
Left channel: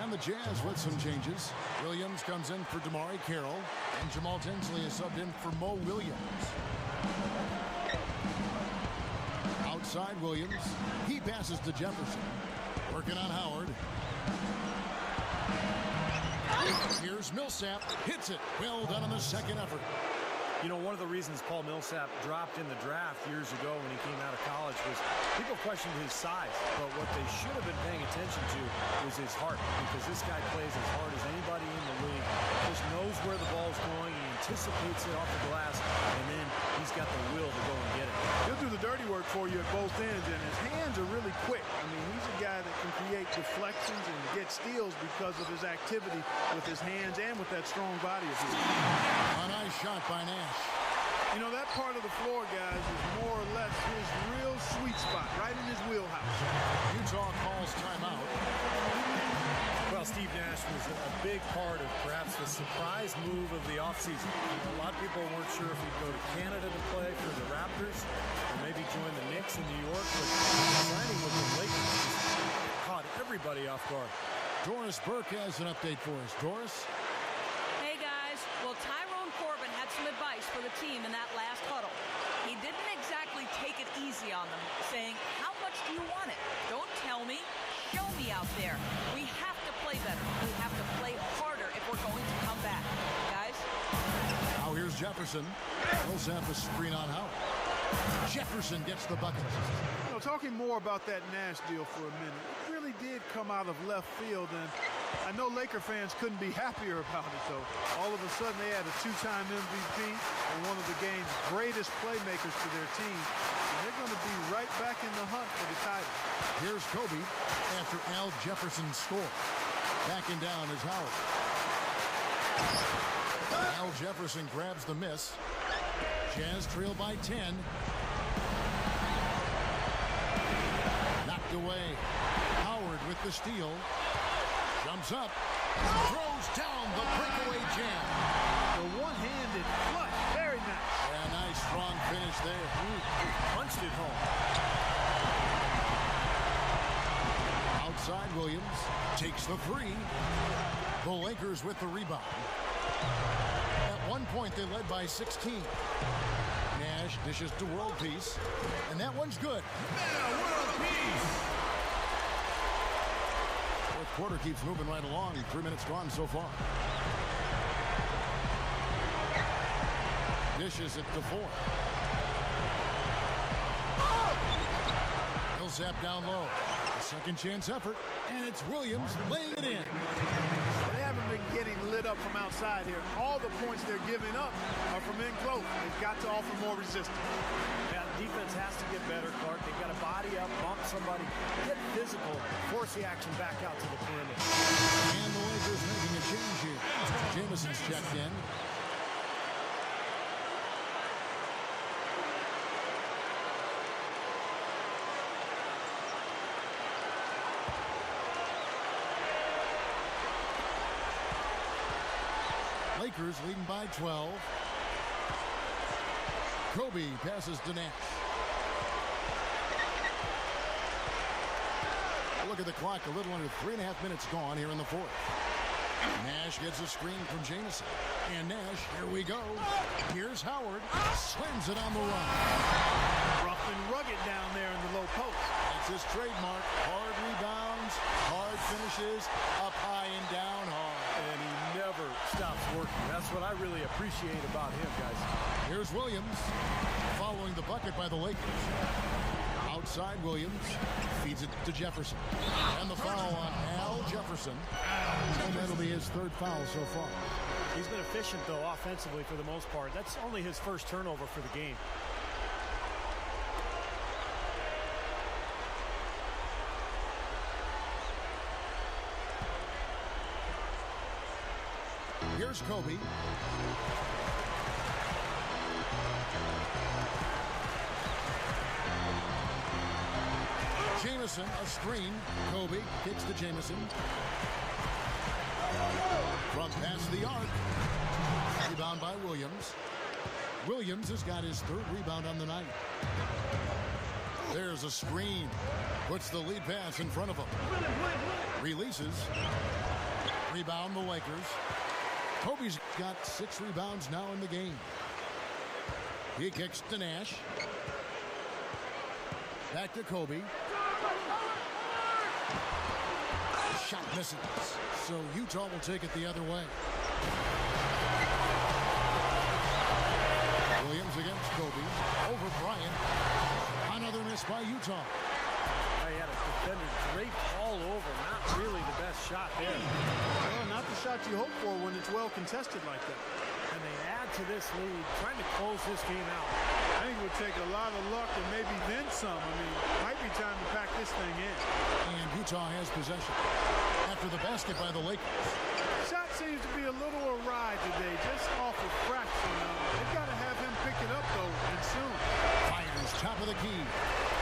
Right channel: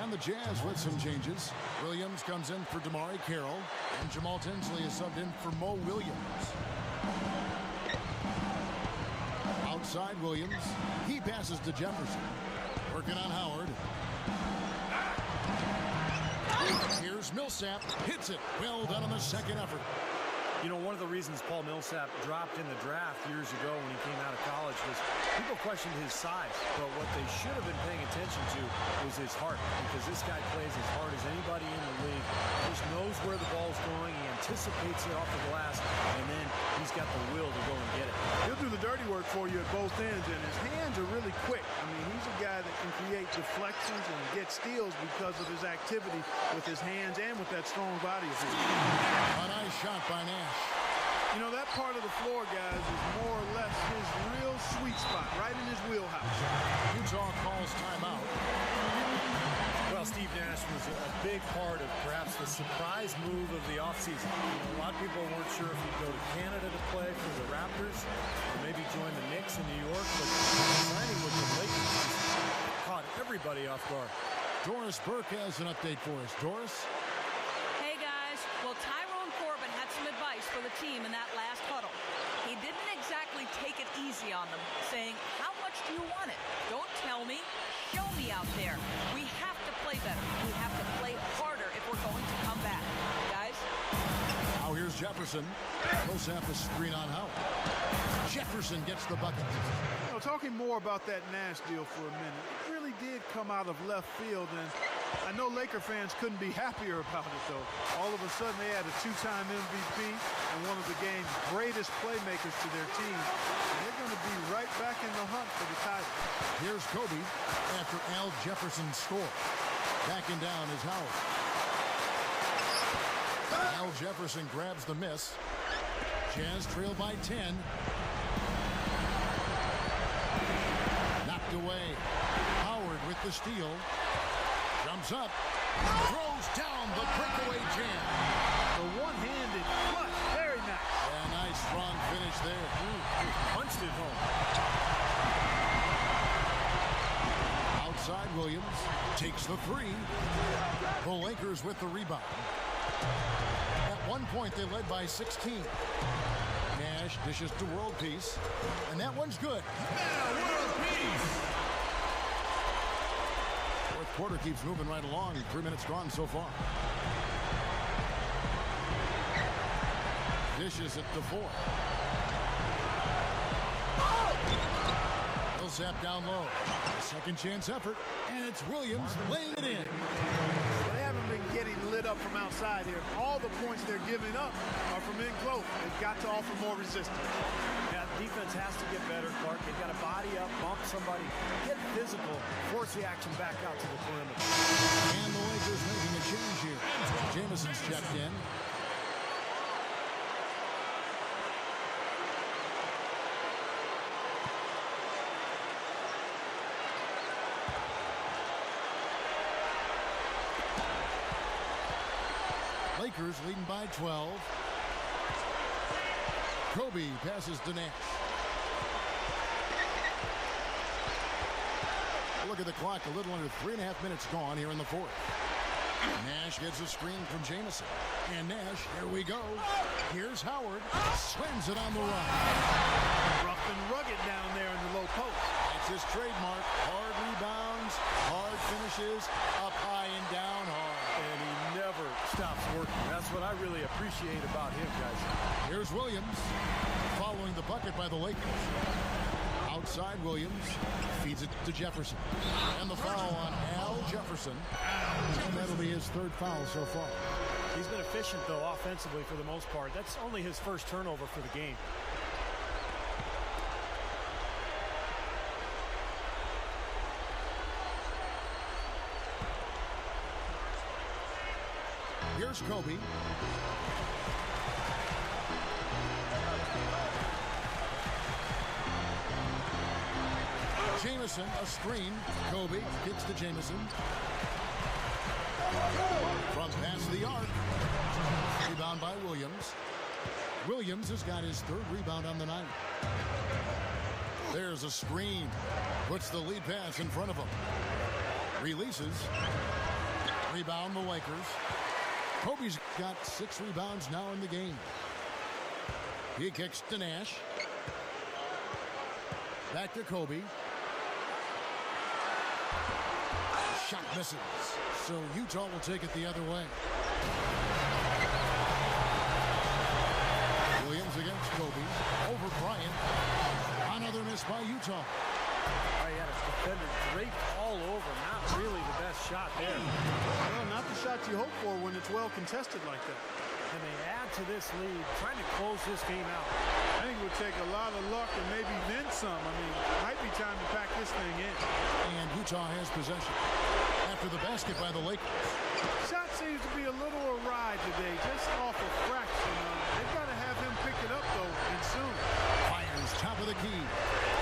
And the Jazz with some changes. Williams comes in for Damari Carroll, and Jamal Tinsley is subbed in for Mo Williams. Outside Williams. He passes to Jefferson. Working on Howard. Here's Millsap. Hits it. Well done on the second effort. You know, one of the reasons Paul Millsap dropped in the draft years ago when he came out of college was people questioned his size, but what they should have been paying attention to was his heart, because this guy plays as hard as anybody in the league, just knows where the ball's going, he anticipates it off the glass, and then he's got the will to go and get it. He'll do the dirty work for you at both ends, and his hands are really quick. I mean, he's a guy that can create deflections and get steals because of his activity with his hands and with that strong body of his. A nice shot by Nash. You know, that part of the floor, guys, is more or less his real sweet spot, right in his wheelhouse. Utah calls timeout. Well, Steve Nash was a big part of perhaps the surprise move of the offseason. You know, a lot of people weren't sure if he'd go to Canada to play for the Raptors or maybe join the Knicks in New York, but signing with the Lakers caught everybody off guard. Doris Burke has an update for us. Doris? Hey, guys. Well, Tyrone Corbin had some advice for the team in that last huddle. He didn't exactly take it easy on them, saying, how much do you want it? Don't tell me. Show me out there. We have to play better. We have to play harder if we're going to come back. Guys? Now here's Jefferson. Millsap a screen on Howard. Jefferson gets the bucket. You know, talking more about that Nash deal for a minute, it really did come out of left field, and I know Laker fans couldn't be happier about it, though. All of a sudden, they had a 2-time MVP and one of the game's greatest playmakers to their team, and they're going to be right back in the hunt for the title. Here's Kobe after Al Jefferson's score. Backing down is Howard. Al Jefferson grabs the miss. Jazz trail by 10. Now knocked away. Howard with the steal. Jumps up. Throws down the breakaway jam. The one-handed flush. Very nice. Yeah, nice strong finish there. Punched it home. Outside Williams takes the three. The Lakers with the rebound. At one point, they led by 16. Nash dishes to World Peace, and that one's good. Meta World Peace. Fourth quarter keeps moving right along. 3 minutes gone so far. Dishes it to 4. Millsap down low. A second chance effort, and it's Williams laying it in. They haven't been getting lit up from outside here. All the points they're giving up are from in close. They've got to offer more resistance. Yeah, defense has to get better, Clark. They've got to body up, bump somebody, get physical, force the action back out to the perimeter. And the Lakers making a change here. Jamison's checked in. Lakers leading by 12. Kobe passes to Nash. Look at the clock, a little under 3.5 minutes gone here in the fourth. Nash gets a screen from Jamison. And Nash, here we go. Here's Howard, slams it on the run. Rough and rugged down there in the low post. That's his trademark. Hard rebounds, hard finishes, up high and down hard. And he never stops working. That's what I really appreciate about him, guys. Here's Williams, following the bucket by the Lakers. Outside Williams, feeds it to Jefferson. And the foul on Al Jefferson. And that'll be his third foul so far. He's been efficient, though, offensively for the most part. That's only his first turnover for the game. Here's Kobe. Jamison, a screen. Kobe kicks to Jamison. From past the arc. Rebound by Williams. Williams has got his third rebound on the night. There's a screen. Puts the lead pass in front of him. Releases. Rebound the Lakers. Kobe's got 6 rebounds now in the game. He kicks to Nash. Back to Kobe. Shot misses. So Utah will take it the other way. Williams against Kobe. Over Bryant. Another miss by Utah. He had a defender draped all over. Not really the best shot there. Well, not the shot you hope for when it's well contested like that. And they add to this lead, trying to close this game out. I think it would take a lot of luck and maybe then some. I mean, might be time to pack this thing in. And Utah has possession. After the basket by the Lakers. Shot seems to be a little awry today, just off a fraction. They've got to have him pick it up, though, and soon. Fires top of the key.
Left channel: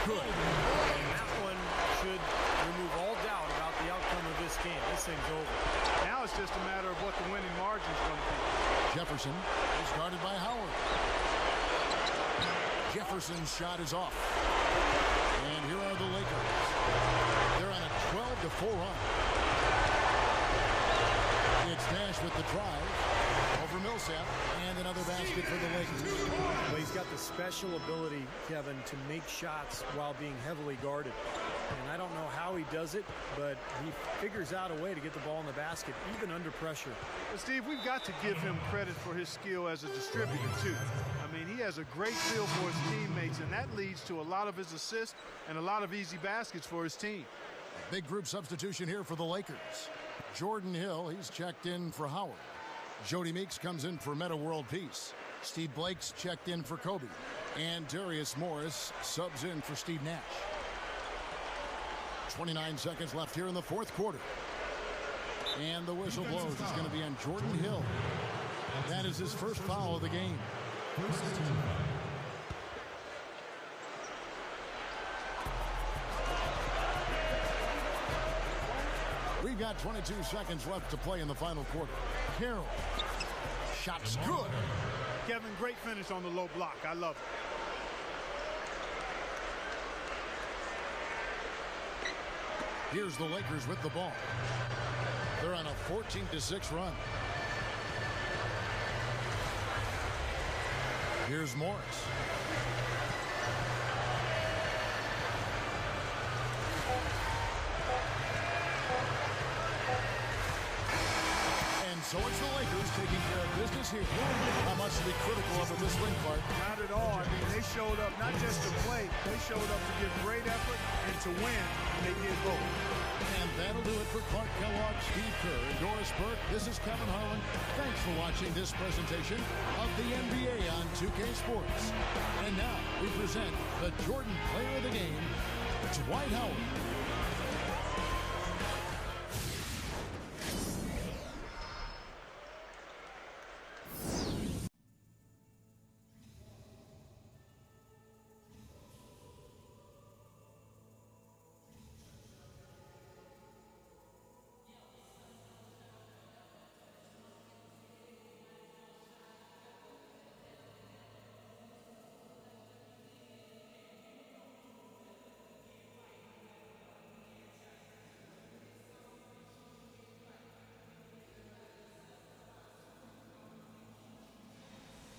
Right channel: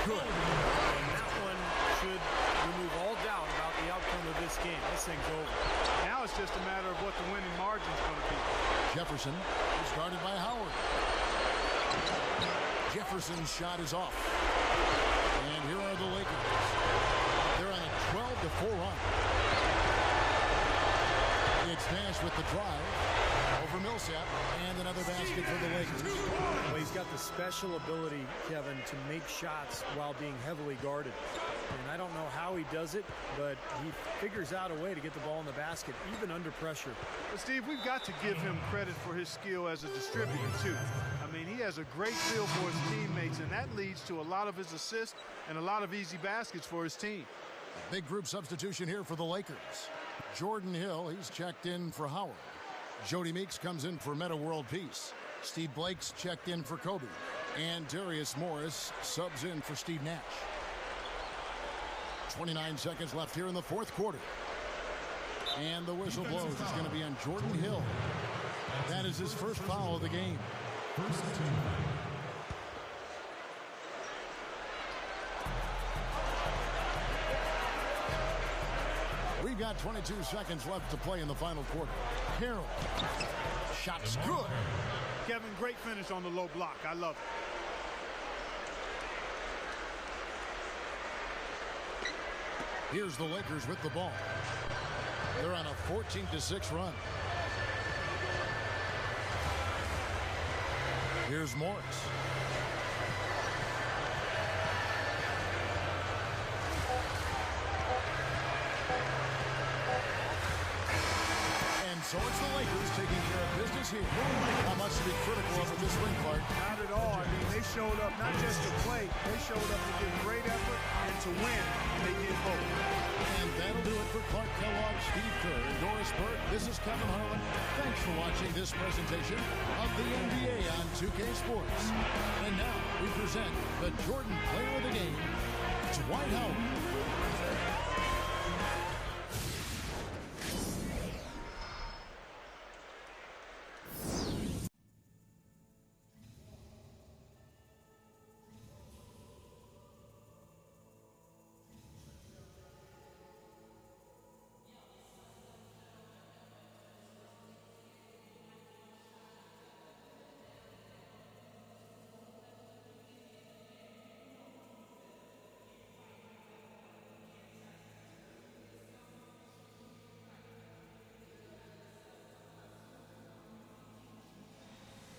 Good. And that one should remove all doubt about the outcome of this game. This thing's over. Now it's just a matter of what the winning margin's going to be. Jefferson is guarded by Howard. Jefferson's shot is off. And here are the Lakers. They're on a 12-4 run. It's Nash with the drive over Millsap, and another basket for the Lakers. Well, he's got the special ability, Kevin, to make shots while being heavily guarded. And I don't know how he does it, but he figures out a way to get the ball in the basket, even under pressure. But, Steve, we've got to give him credit for his skill as a distributor, too. I mean, he has a great feel for his teammates, and that leads to a lot of his assists and a lot of easy baskets for his team. A big group substitution here for the Lakers. Jordan Hill, he's checked in for Howard. Jody Meeks comes in for Meta World Peace. Steve Blake's checked in for Kobe. And Darius Morris subs in for Steve Nash. 29 seconds left here in the fourth quarter. And the whistle blows. It's going to be on Jordan Hill. That is his first foul of the game. First team foul. We've got 22 seconds left to play in the final quarter. Carroll. Shot's good. Kevin, great finish on the low block. I love it. Here's the Lakers with the ball. They're on a 14-6 run. Here's Morris. And so it's the Lakers taking care of business here. Not much to be critical of with this win, Clark. Not at all. I mean, they showed up not just to play, they showed up to give great effort and to win. They did both. And that'll do it for Clark Kellogg, Steve Kerr, and Doris Burke. This is Kevin Harlan. Thanks for watching this presentation of the NBA on 2K Sports. And now we present the Jordan Player of the Game, Dwight Howard.